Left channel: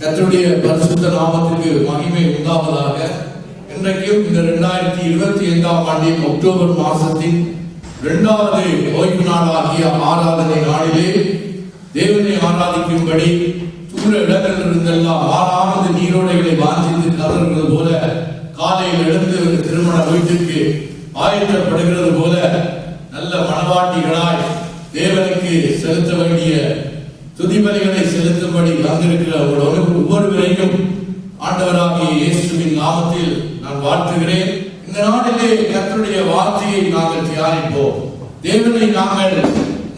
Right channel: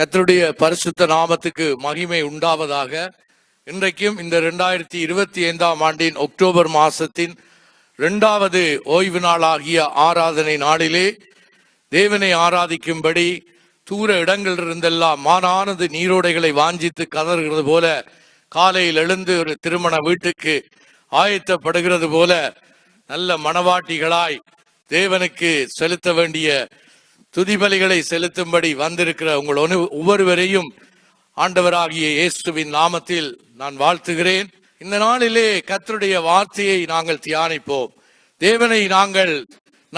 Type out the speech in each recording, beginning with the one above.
கர்த்தருடைய பரிசுத்த நாமத்துக்கு மகிமை உண்டாவதாக. இன்றைக்கும் இந்த 2025ஆம் ஆண்டின் அக்டோபர் மாசத்தின் 2வது ஓய்வு நாளாகிய ஆராதனை நாளிலே தேவனை ஆராதிக்கும்படி தூர இடங்கள் இருந்தெல்லாம் மாறானது நீரோடைகளை வாஞ்சித்து கதறுகிறது போல, காலையில் எழுந்து ஒரு திருமண வீட்டுக்கு ஆயத்தப்படுகிறது போல நல்ல மணவாட்டிகளாய் தேவனுக்கு செலுத்த வேண்டிய துதிபலிகளை செலுத்தும்படி வந்திருக்கிற உங்களோடு ஒவ்வொருவரையும் ஆண்டவராகிய இயேசுவின் நாமத்தில் நான் வாழ்த்துகிறேன். இந்த நாளிலே கர்த்தருடைய வார்த்தையை நாங்கள் தியானிப்போம். தேவனை நாங்கள்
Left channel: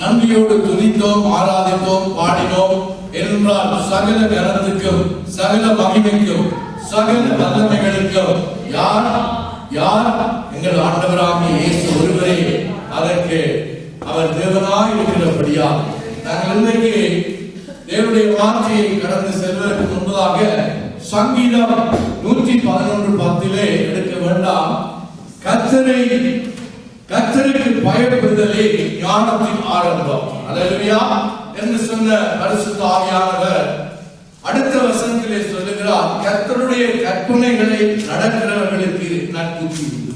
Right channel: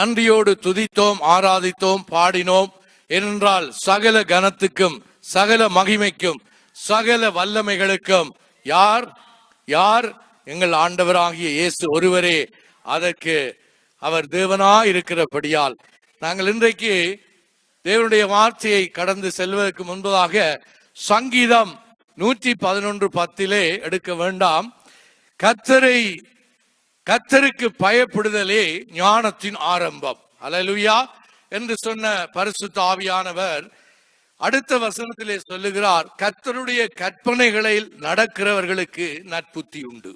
நன்றியோடு துதித்தோம், ஆராதித்தோம், பாடினோம் என்றால் சகல கனத்துக்கும் சகல மகிமைக்கும் சகல வல்லமைகளுக்கும் யார் யார்? எங்கள் ஆண்டவராகிய இயேசு ஒருவரே. அதற்கு அவர் தேவனாய் இருக்கிறபடியா நாங்கள் இன்றைக்கு தேவனுடைய வார்த்தையை கடந்து செல்வதற்கு முன்பதாக சங்கீதம் 111:10 எடுக்க வேண்டாம். கர்த்தருக்கு பயப்படுதலே ஞானத்தின் ஆரம்பம். அல்லேலூயா என்று சொன்ன பரிசுத்த ஆவியானவர் அடுத்த வசனத்திலே சொல்லுகிறார், கர்த்தருடைய கற்பனைகளை நடக்கிறவர்களுக்கு நற்புத்தி உண்டு.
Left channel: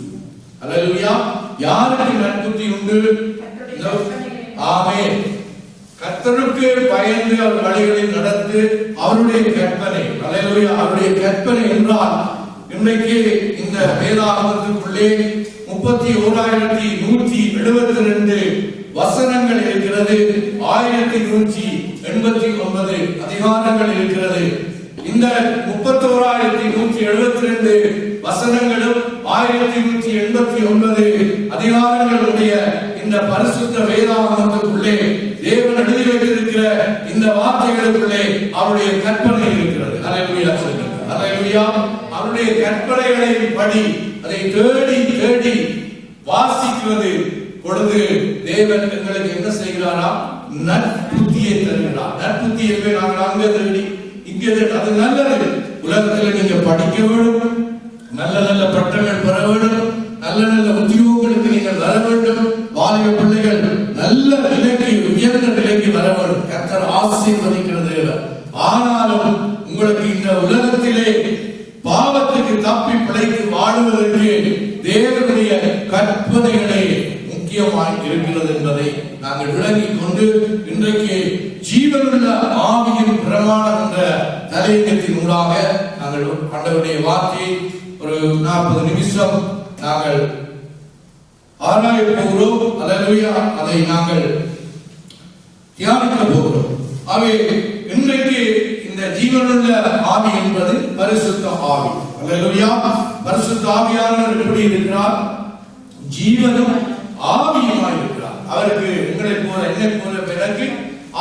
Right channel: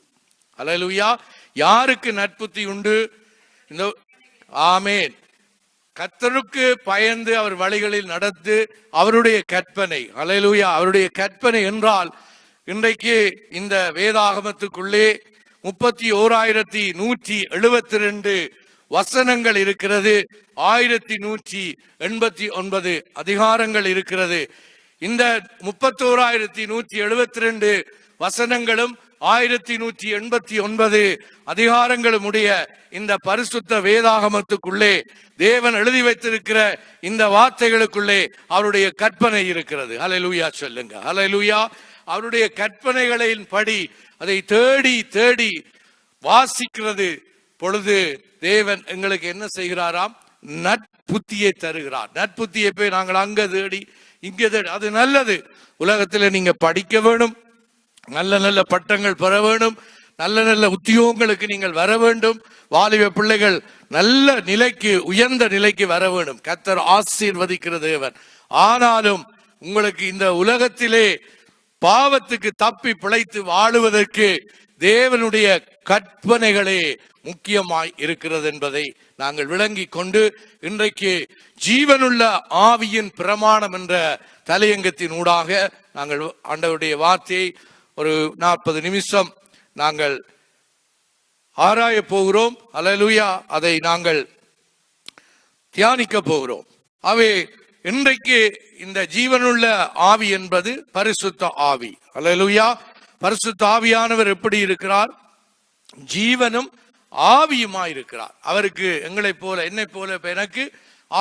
அல்லேலூயா. யாருக்கு நற்புத்தி உண்டு? ஆமென். கர்த்தருக்கு பயந்து அவர் வழிகளில் நடந்து அவருடைய கற்பனை. அல்லேலூயா. அவருடைய கற்பனை என்றால் இன்றைக்கு இந்த வேதாகமத்துக்குள்ளே 31,172 வசனங்கள் இருக்கிறது. 1189 அதிகாரங்கள் இருக்கிறது. இந்த 31,172 வசனங்களும் 1189 அதிகாரங்களும் உடைய இந்த பரிசுத்த வேதாகமத்துக்குள்ளே தேவன் எழுதி வைத்திருக்கிற இந்த வார்த்தைகளுக்குள்ளே அவருடைய கற்பனை இருக்கிறது. அல்லேலூயா சொல்லுங்க. அல்லேலூயா. அவருடைய கற்பனைகளின் படி அதை தேடி தேடி வாசிக்கிறது பொழுது தேவன் எங்களுக்கு என்ன செய்கிறாரா? நற்புத்தியை தருகிறார். நற்புத்தியை போய் நாங்கள் அங்க தேடி இங்க தேடி, அது நல்லது. உலகத்தில் நீங்க படிக்க வேண்டும், நல்ல நல்ல பட்டங்கள் பெற வேண்டும், நல்ல நல்ல உத்தியோகங்களுக்கு நீங்கள் வர வேண்டும், வாலிப பிள்ளைகள் நல்ல நிலைக்கு உயர்ந்த நிலைக்கு வர வேண்டும். கர்த்தர் ஆசீர்வதிக்கிற தேவன். ஆனாலும் உங்களுக்கு இந்த உலகத்திலே பாவத்துக்கு தப்பி பிழைத்து வாழுவதற்கு தேவனுடைய கற்பனைகளே முக்கியமாய் இருக்கிறது என்பதை நாங்கள் விளங்கிக் கொண்டு இன்றைக்கு ஜீவனுள்ள ஆவியின் பிரமாணம் என்ற தலையங்கத்தின் ஊடாக நாங்கள் ஆண்டவருடைய வார்த்தையை ஒரு 40 நிமிஷம் நாங்கள் ஆராய போகிறோம். அல்லேலூயா. அதை நாங்கள் தியானிக்க போகிறோம். அவை இன்றைக்கு இந்த ஜீவனுள்ள ஆவி என்பது பரிசுத்த ஆவி. அல்லேலூயா. பரிசுத்த ஆவியானவர் எப்படி இருக்கிறார்? ஜீவனும் ஆவியுமாய் இருக்கிறார். அவருக்கு எங்களை போல என்னை போல எனக்கு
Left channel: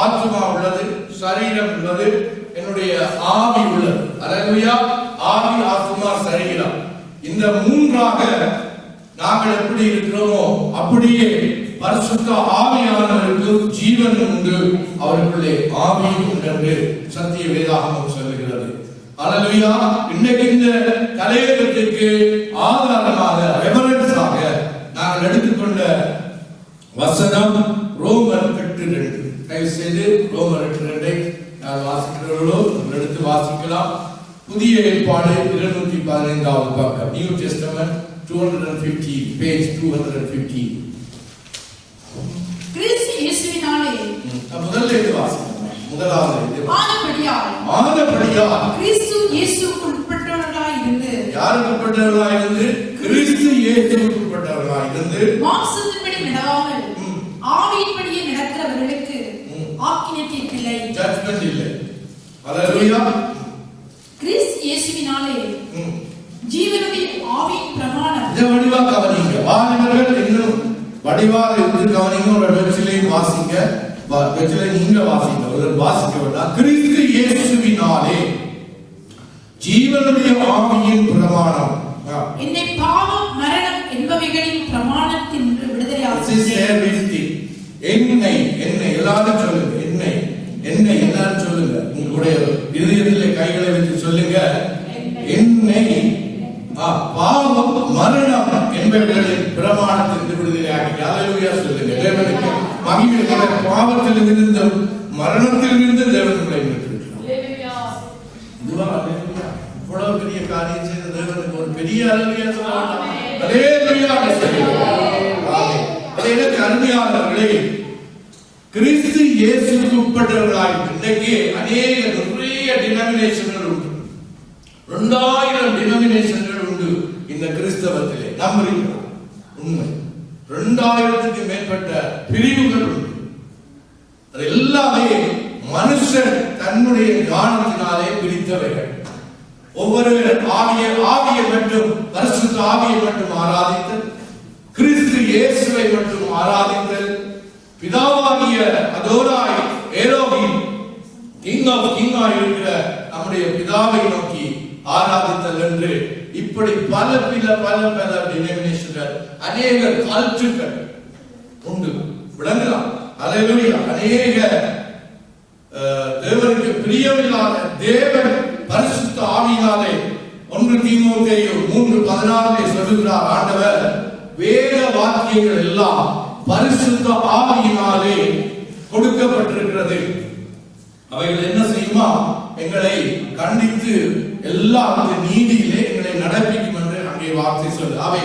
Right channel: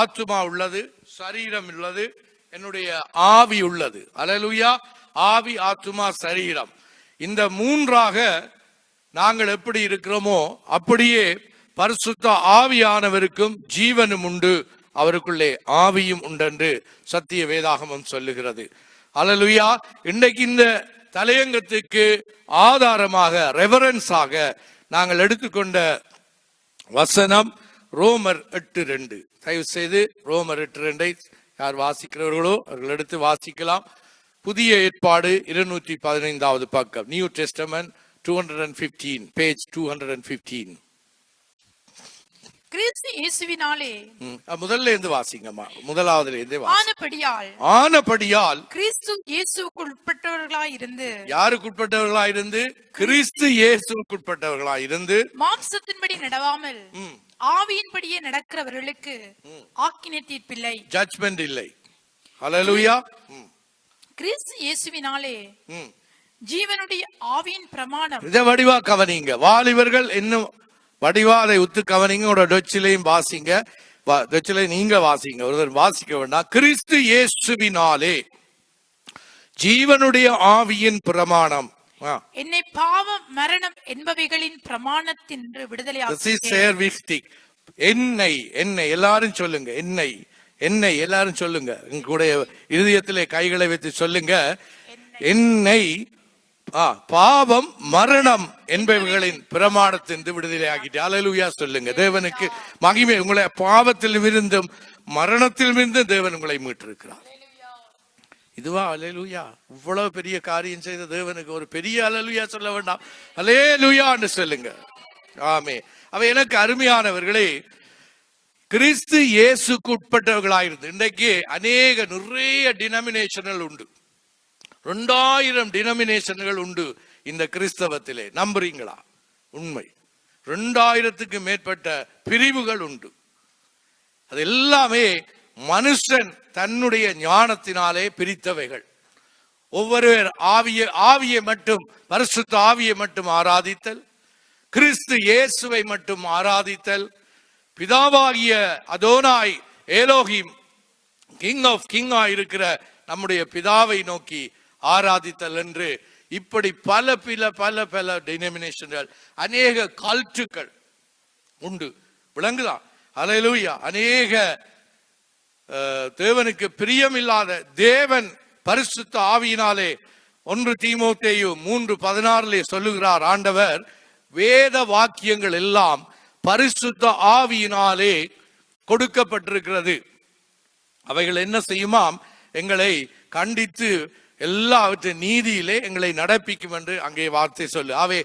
ஆத்மா உள்ளது, சரீரம் உள்ளது, என்னுடைய ஆவி உள்ளது. அல்லேலூயா. ஆவி, ஆத்மா, சரீரம், இந்த மூன்றாக நாங்கள் எப்படி இருக்கிறோமோ அப்படியே பரிசுத்த ஆவியானவருக்கும் ஜீவனும் உண்டு, அவருக்குள்ளே ஆவியும் உண்டு என்று சத்திய வேதாகமம் சொல்லுகிறது. அல்லேலூயா. இன்றைக்கு இந்த தலையங்கத்திற்கு ஆதாரமாக ரெஃபரன்ஸாக நாங்கள் எடுத்துக்கொண்ட வசனம் ரோமர் 8:2. தயவு செய்து ரோமர் 8:2 யார் வாசிக்கிறவர்களோ எடுத்து வாசிக்கலாம். புதிய ஏற்பாடு 215வது பக்கம், நியூ டெஸ்டமென்ட் 215, பேஜ் 215. கிறிஸ்து இயேசுவினாலே முதல்ல இருந்து வாசிக்கலாம். முதலாவது ஆனபடியால் கிறிஸ்து இயேசுவுக்கு உட்பட்டவர்களாய் இருந்து, யாருக்கு உட்பட்டவர்களாய் இருந்து? கிறிஸ்து இயேசுவுக்கு உட்பட்டவர்களாய் இருந்து மாம்சத்தின்படி நடவாமல் ஆவியின்படியே நடக்கிறவர்களுக்கு ஆக்கினை தீர்ப்பில்லை, ஜட்ஜ்மென்ட் இல்லை. அல்லேலூயா. கிறிஸ்து இயேசுவினாலே ஜீவனுடைய ஆவியின் பிரமாணம். இதை வடிவா கவனிங்க. வாலிபர்கள் இன்னும் வடிவாரை ஒத்து கவனிங்க. ஒரு டச்சிலையும் வாசிங்க, டச்சில நீங்க வாசிங்க, ஒரு வாசிக்க வேண்டாம். கிறிஸ்து இயேசுவினாலே ஜீவனுடைய ஆவியின் பிரமாணம். என்னை பாவம் மரணம் என்பவைகளின் பிரமாணத்தின் விடுதலையாக்கி. என்னை என்னை எல்லாரும் சொல்லுங்க. என்னை என்னை எல்லாரும் சொல்லுங்க. உங்களுடைய இருதயத்திலே கைகளை வைத்து சொல்லுங்க. என்னை பாவம் மரணம் என்பவர்களின் பிரமாணத்திற்கு விடுதலை ஆகிட்டு. அல்லேலூயா சொல்லுங்க. தேவனுக்கு மகிமை. உங்களுடைய பாவத்தில் இருந்தும் மரணத்தில் இருந்து தேவன் உங்களை மீட்டிருக்கிறார். இதுவா அல்லேலூயா? இவ்வளவு பெரிய காரியம் செய்த தேவனுக்கு ஒரு பெரிய அல்லேலூயா சொல்ல வேண்டாம்? அல்லேலூயா என்று சொல்லுங்கள். ஆமென். அது எனக்கு அருமையானவர்களே, கிறிஸ்து இயேசுக்கு உட்பட்டவர்களாயிருக்கு. இன்றைக்கு நிறைய டினாமினேஷன்கள் உண்டு. 2000 டினாமினேஷன்கள் உண்டு இந்த கிறிஸ்தவத்திலே. நம்புறீங்களா? உண்மை. 2000க்கு மேற்பட்ட பிரிவுகள் உண்டு. அது எல்லாமே மனுஷன் தன்னுடைய ஞானத்தினாலே பிரித்தவைகள். ஒவ்வொருவர் ஆவியை மட்டும், பரிசுத்த ஆவியை மட்டும் ஆராதித்தல், கிறிஸ்து இயேசுவை மட்டும் ஆராதித்தல், பிதாவாகிய அதோனாய் எலோகிம் கிங் ஆஃப் கிங் இருக்கிற நம்முடைய பிதாவை நோக்கி ஆராதித்தல் என்று இப்படி பல டினாமினேஷன்கள், அநேக கல்ட்டுகள் உண்டு. விளங்கலாம். அல்லேலூயா. அநேக தேவனுக்கு பிரியமில்லாத, தேவன் பரிசுத்த ஆவியினாலே 1 தீமோத்தேயு 3:14 சொல்லுகிறார் ஆண்டவர், வேத வாக்கியங்கள் எல்லாம் பரிசுத்த ஆவியினாலே கொடுக்கப்பட்டிருக்கிறது. அவைகள் என்ன செய்யுமா? எங்களை கண்டித்து எல்லாவற்றின் நீதியிலே எங்களை நடப்பிக்கும் என்று அங்கே வார்த்தை சொல்லு. அவை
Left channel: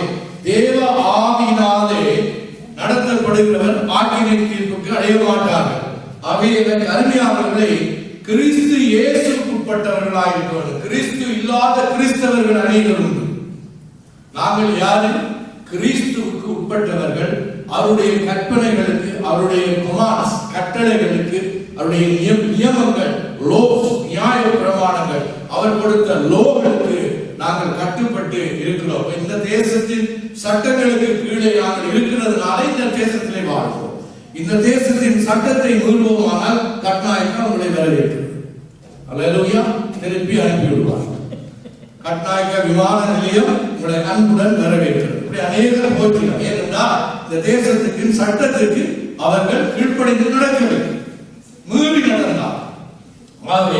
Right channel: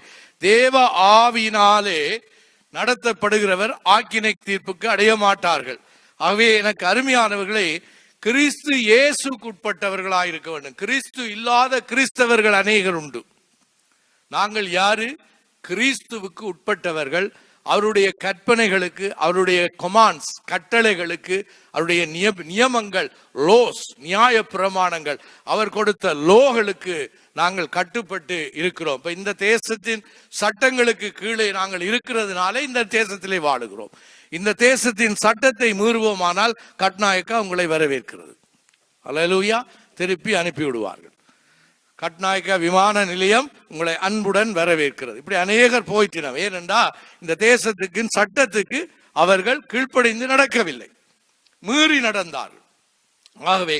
தேவ ஆவியினாலே நடத்தப்படுகிறவர் ஆக்கினை தீர்ப்புக்கு அடைய மாட்டார்கள். அவை எனக்கு அருமையானவர்களை, கிறிஸ்து இயேசுக்கு உட்பட்டவர்களாக இருக்க வேண்டும். கிறிஸ்து இல்லாத கிறிஸ்தவர்கள் அநேகர் உண்டு. நாங்கள் யாரு? கிறிஸ்துவுக்கு உட்பட்டவர்கள். அவருடைய கற்பனைகளுக்கு, அவருடைய கமாண்ட்ஸ், கட்டளைகளுக்கு, அவருடைய நியமங்கள், லோஸ், நியாய பிரமாணங்கள், அவர் கொடுத்த லோகளுக்கு நாங்கள் கட்டுப்பட்டு இருக்கிறோம். இப்ப இந்த தேசத்தின் சட்டங்களுக்கு கீழே நாங்கள் இருக்கிறதுனால இந்த தேசத்திலே வாடுவோம். இந்த தேசத்தின் சட்டத்தை மீறுவோமானால் கட்நாயக்கா உங்களை வரவேற்கிறது. அல்லேலூயா. திருப்பி அனுப்பி விடுவார். கட்நாயக்க விமான நிலையம் உங்களை அன்புடன் வரவேற்கிறது. இப்படி அநேகர் போய்க்கிறோம். ஏனென்றால் இந்த தேசத்துக்கு, சட்டத்துக்கு அவர்கள் கீழ்ப்படிந்து நடக்கவில்லை, மீறி நடந்தார். ஆகவே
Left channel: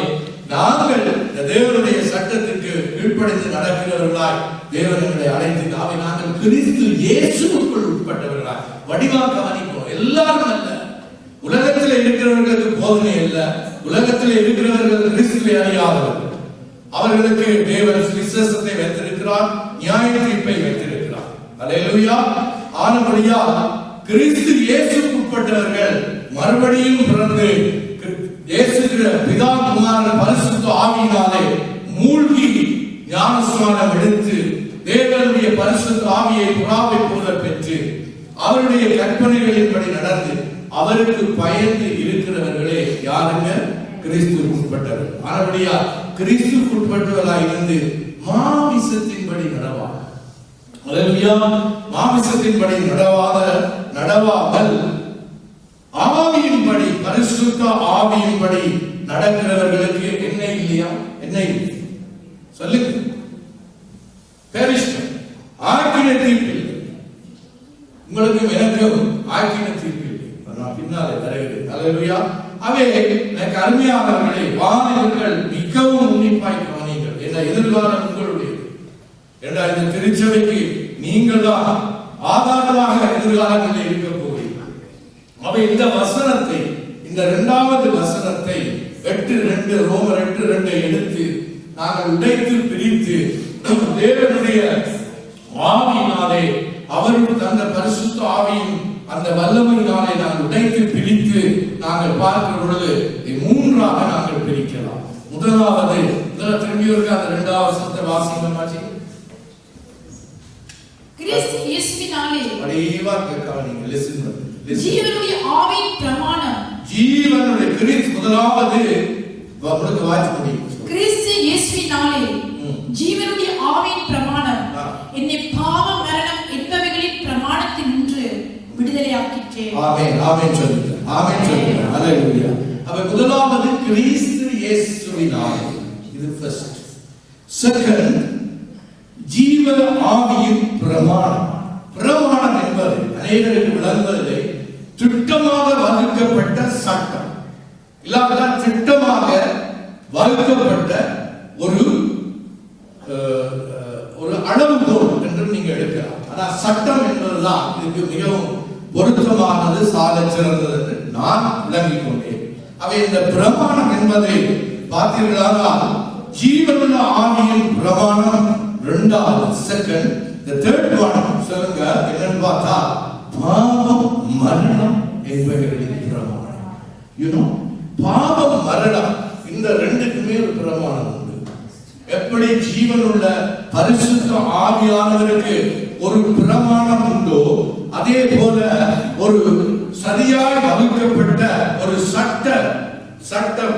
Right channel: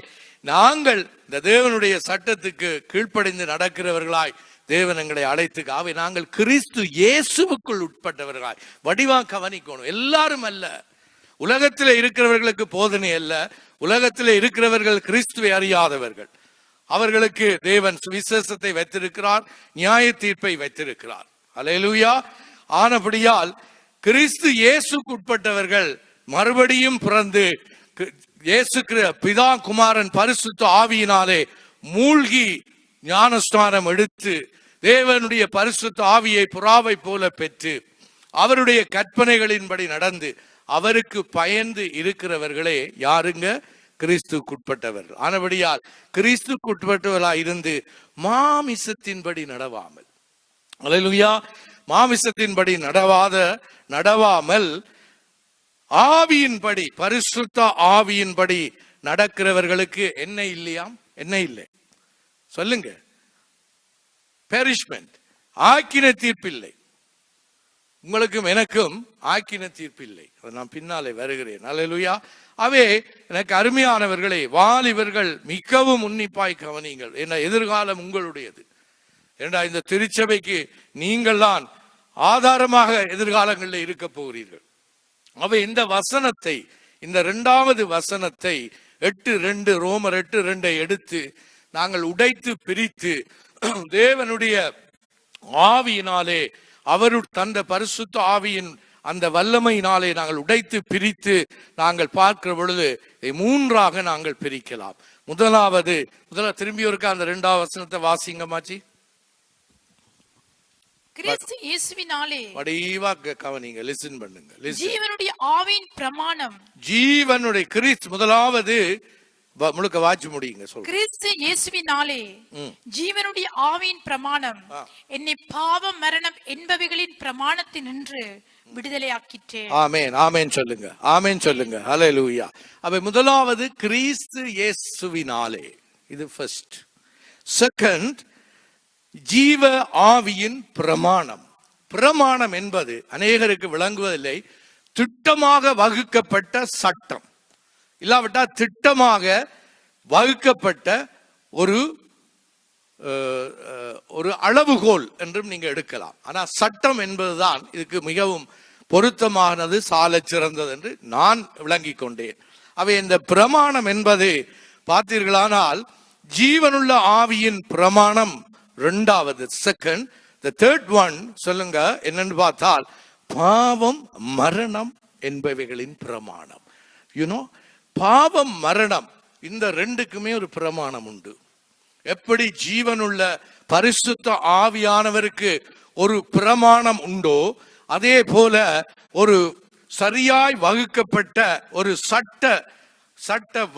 நாங்கள் இந்த தேவனுடைய சட்டத்துக்கு கீழ்ப்படிந்து நடக்கிறவர்களாய் தேவன் எங்களை அழைத்து, ஆகவே நாங்கள் கிறிஸ்து இயேசுவுக்குள் உட்பட்டவர்களாய். வடிவாக கவனிக்கணும். எல்லாரும் அல்ல, உலகத்தில் இருக்கிறவர்களுக்கு போதனை அல்ல. உலகத்தில் இருக்கிறவர்கள் கிறிஸ்துவை அறியாதவர்கள். அவர்களுக்கு தேவன் விசேஷத்தை வைத்திருக்கிறார், நியாய தீர்ப்பை வைத்திருக்கிறார். அல்லேலூயா. ஆனபடியால் கிறிஸ்து இயேசுக்கு உட்பட்டவர்கள் மறுபடியும் பிறந்து இயேசு பிதா குமாரன் பரிசுத்த ஆவியினாலே மூழ்கி ஞானஸ்நானம் எடுத்து தேவனுடைய பரிசுத்த ஆவியை புறாவை போல பெற்று அவருடைய கற்பனைகளின்படி நடந்து அவருக்கு பயந்து இருக்கிறவர்களே யாருங்க? கிறிஸ்துவுக்கு உட்பட்டவர். ஆனபடியா கிறிஸ்துவுக்கு உட்பட்டவராய் இருந்து மாமிசத்தின்படி நடவா. அல்லேலூயா. மாமிசத்தின்படி நடவாமல் ஆவியின்படி, பரிசுத்த ஆவியின்படி நடக்கிறவர்களுக்கு என்ன இல்லையா? என்ன இல்லை சொல்லுங்க? பெரிஷ்மென்ட், ஆக்கினை தீர்ப்பில். உங்களுக்கும் எனக்கும் ஆக்கினை தீர்ப்பில் நான் பின்னாலே வருகிறேன். அல்லேலூயா. அவே எனக்கு அருமையானவர்களை, வாலிபர்கள் மிகவும் உன்னிப்பாய் கவனிங்கள். என்ன எதிர்காலம் உங்களுடையது. ஏண்டா இந்த திருச்சபைக்கு நீங்கள் தான் ஆதாரமாக எதிர்காலங்களில் இருக்க போகிறீர்கள். அவை இந்த வசனத்தை, இந்த 2வது வசனத்தை 8:2 ரோமர் 8:2 எடுத்து நாங்கள் உடைத்து பிரித்து தேவனுடைய ஆவியினாலே, அவரும் தந்த பரிசுத்த ஆவியின் அந்த வல்லமையினாலே நாங்கள் உடைத்து பிரித்து நாங்கள் பார்க்கிற பொழுது 3ஆக நாங்கள் பிரிக்கலாம். முதலாவது திரும்பி இருக்க அந்த 2வது வசனத்தை வாசிங்க மாச்சி. கிறிஸ்து இயேசுவினாலே வடிவாக கவனிங்க, லிசன் பண்ணுங்க. ஜீவனுடைய ஆவியின் பிரமாணம். ஜீவனுடைய கிறிஸ்து முதலாவது முழுக்க வாட்சி முடியும். கிறிஸ்து இயேசுவினாலே ஜீவனுடைய ஆவியின் பிரமாணம் என்னை பாவ மரணம் என்பவைகளின் பிரமாணத்தினின்று விடுதலையாக்கிற்று. ஆமென். ஆமென் சொல்லுங்க. ஆமென் சொல்லுங்க. அல்லேலூயா. அப்ப முதலாவது கிறிஸ்து இயேசுவினாலே, இது ஃபர்ஸ்ட். செகண்ட், ஜீவ ஆவியின் பிரமாணம். பிரமாணம் என்பது அநேகருக்கு விளங்குவதில்லை. திட்டமாக வகுக்கப்பட்ட சட்டம், இல்லாவிட்டால் திட்டமாக வகுக்கப்பட்ட ஒரு அளவுகோல் என்றும் நீங்க எடுக்கலாம். ஆனா சட்டம் என்பதுதான் இதுக்கு மிகவும் பொருத்தமானது, சால சிறந்தது என்று நான் விளங்கிக் கொண்டேன். அவை இந்த பிரமாணம் என்பதை பார்த்தீர்களானால் ஜீவனுள்ள ஆவியின் பிரமாணம் இரண்டாவது, செகண்ட். the third one சொல்லுங்க என்னன்னு பார்த்தா பாவம் மரணம் என்பவைகளின் பிரமாணம். பாவம் மரணம் இந்த ரெண்டுக்குமே ஒரு பிரமாணம் உண்டு. எப்படி ஜீவனுள்ள பரிசுத்த ஆவியானவருக்கு ஒரு பிரமாணம் உண்டோ, அதே போல ஒரு சரியாய் வகுக்கப்பட்ட ஒரு சட்ட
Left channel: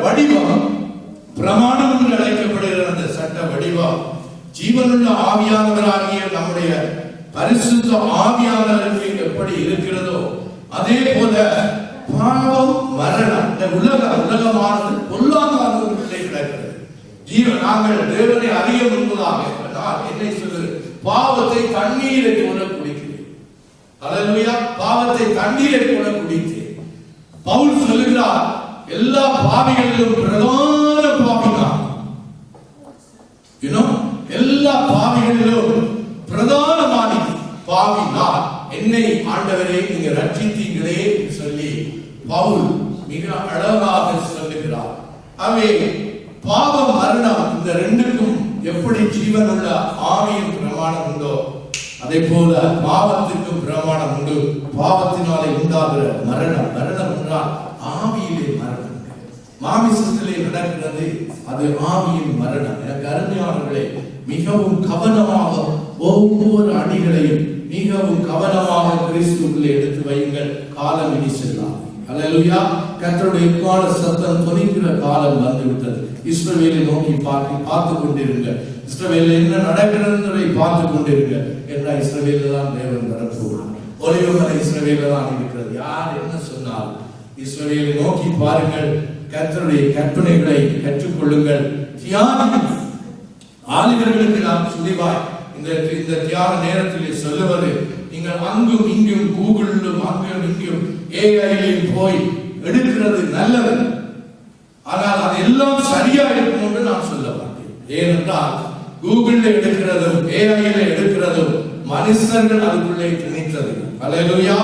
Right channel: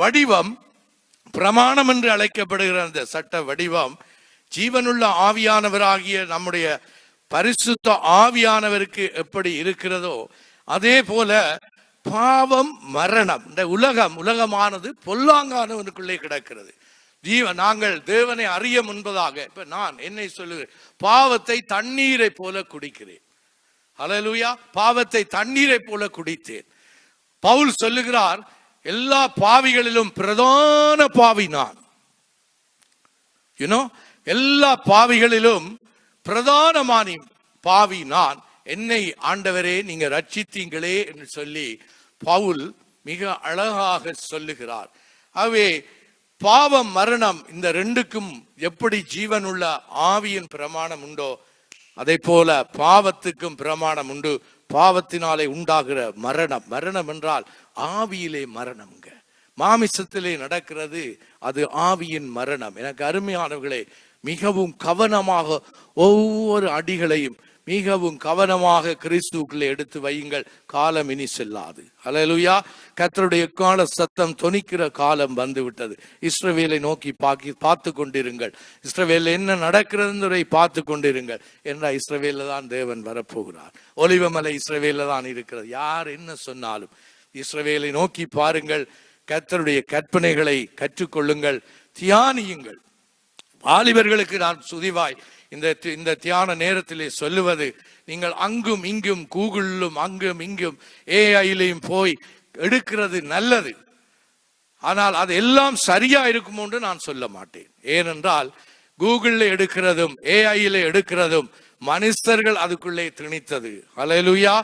வடிவம், பிரமாணம் என்று அழைக்கப்படுகிற அந்த சட்ட வடிவம் ஜீவனுள்ள ஆவியானவராகிய நம்முடைய பரிசுத்த ஆவியானவருக்கு எப்படி இருக்கிறதோ, அதே போல பாவம் மரணம், இந்த உலகமானது பொல்லாங்கானவருக்குள்ளே கிடக்கிறது. நாங்கள் தேவனை அறிய முன்பதாக நான் என்னை சொல்லுகிறேன், பாவத்தை தண்ணீரை போல குடிக்கிறேன். அல்லேலூயா. பாவத்தை தண்ணீரை போல குடித்தேன். பவுல் சொல்லுகிறார், எல்லா பாவிகளிலும் பிரதான பாவி நான். எல்லா பாவிகளிலும் பிரதானமான பாவி நான். என்னை ஆண்டவரே நீங்க ரட்சித்தீங்களே சொல்லி பவுல் மிக அழகாக சொல்லுகிறார். அவே பாவம் மரணம் இந்த ரெண்டுக்கும் எப்படி ஜீவன் உள்ள ஆவியின் பிரமாணம் உண்டோ, அதே போல பாவத்துக்கும் பிரமாணம் உண்டு. பாவத்தினாலே உண்டாகிற மரணம் என்றால் ஆவியிலே மரணம், மாமிசத்திலே நடக்கிறது, அது ஆவியின் மரணம். எனக்கு அருமையானவர்களே, மிகவும் கவனமாக ஒவ்வொரு அடிகளையும் மிகவும் கவனமாக கிறிஸ்துவுக்குள்ளே எடுத்து வையுங்கள். காலம் இனி செல்லாது. அல்லேலூயா. கர்த்தருடைய கால சத்தம் தொனிக்கிற காலம் வந்துவிட்டது. இஸ்ரவேலை நோக்கி பார்த்து கொண்டிருங்கள். இஸ்ரவேலில் என்ன நடக்கிறது பார்த்து கொண்டிருங்கள். என்ன இஸ்ரவேலில் தான் தேவன் வரப்போகிறார். ஒலிவமலை இஸ்ரவேலில் தான் இருக்கிறது. யார் என்ன சொன்னாலும் இஸ்ரவேலை நோக்கி பாருங்கள். கர்த்தருடைய கற்பனைகளை கற்றுக்கொள்ளுங்கள். தியானியும் ஆலிவர்களுக்கு நான் சுதிவாய் இந்த தியான நேரத்தில் சொல்லுவது, நீங்கள் அங்கும் இங்கும் கூகுளிலும் அங்கும் இங்கும் ஏஐலையும் போய் எடுக்கிறது நல்லது. ஆனால் அது எல்லாம் சரியா இருக்கும் என்று நான் சொல்ல மாட்டேன். ஏனென்றால் கூகுளில் எடுக்கிறதும் ஏஐல எடுக்கிறதும் மனுஷர்கள் அதுக்குள்ளே திணித்தது. அல்லேலூயா.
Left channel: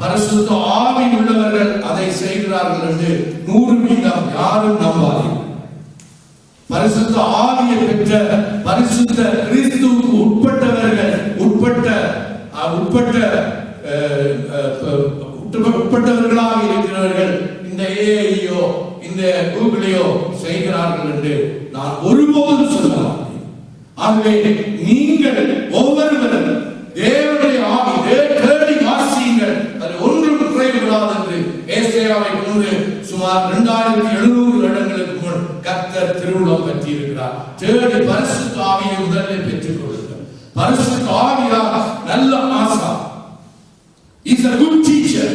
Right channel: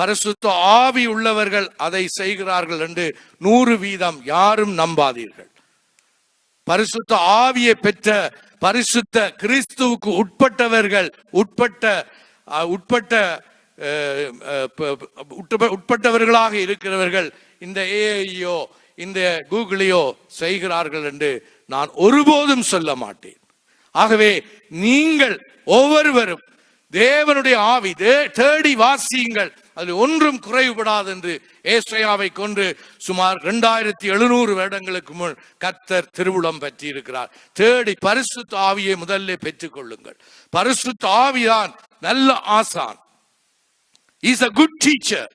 பரிசுத்த ஆவி உள்ளவர்கள் அதை செய்கிறார்கள் என்று 100% யாரும் நம்பாதீர்கள். பரிசுத்த ஆவியை பெற்ற பரிசுத்த கிறிஸ்துவுக்கு உட்பட்டவர்களாக இருக்கிறவர்கள் இந்த ஏஐயோ இந்த கூகுளையோ செய்கிறார்கள் என்று நான் ஒருபோதும் சொல்ல மாட்டேன். ஆகவே நீங்கள் ஒவ்வொருவரும் தேவனுடைய ஆவி தேடி வாசியுங்கள். அது ஒன்றும் குறைவுபடாது என்று ஏசாயாவை கொண்டு சுமார் 2700 வருடங்களுக்கு முன் கர்த்தர் திருவுளம் பற்றி இருக்கிறார். தேடி பரிசுத்த ஆவியை முதலில் பெற்றுக் கொள்ளுங்கள். பரிசுத்த ஆவியார் நல்ல ஆசா, இஸ் a good teacher.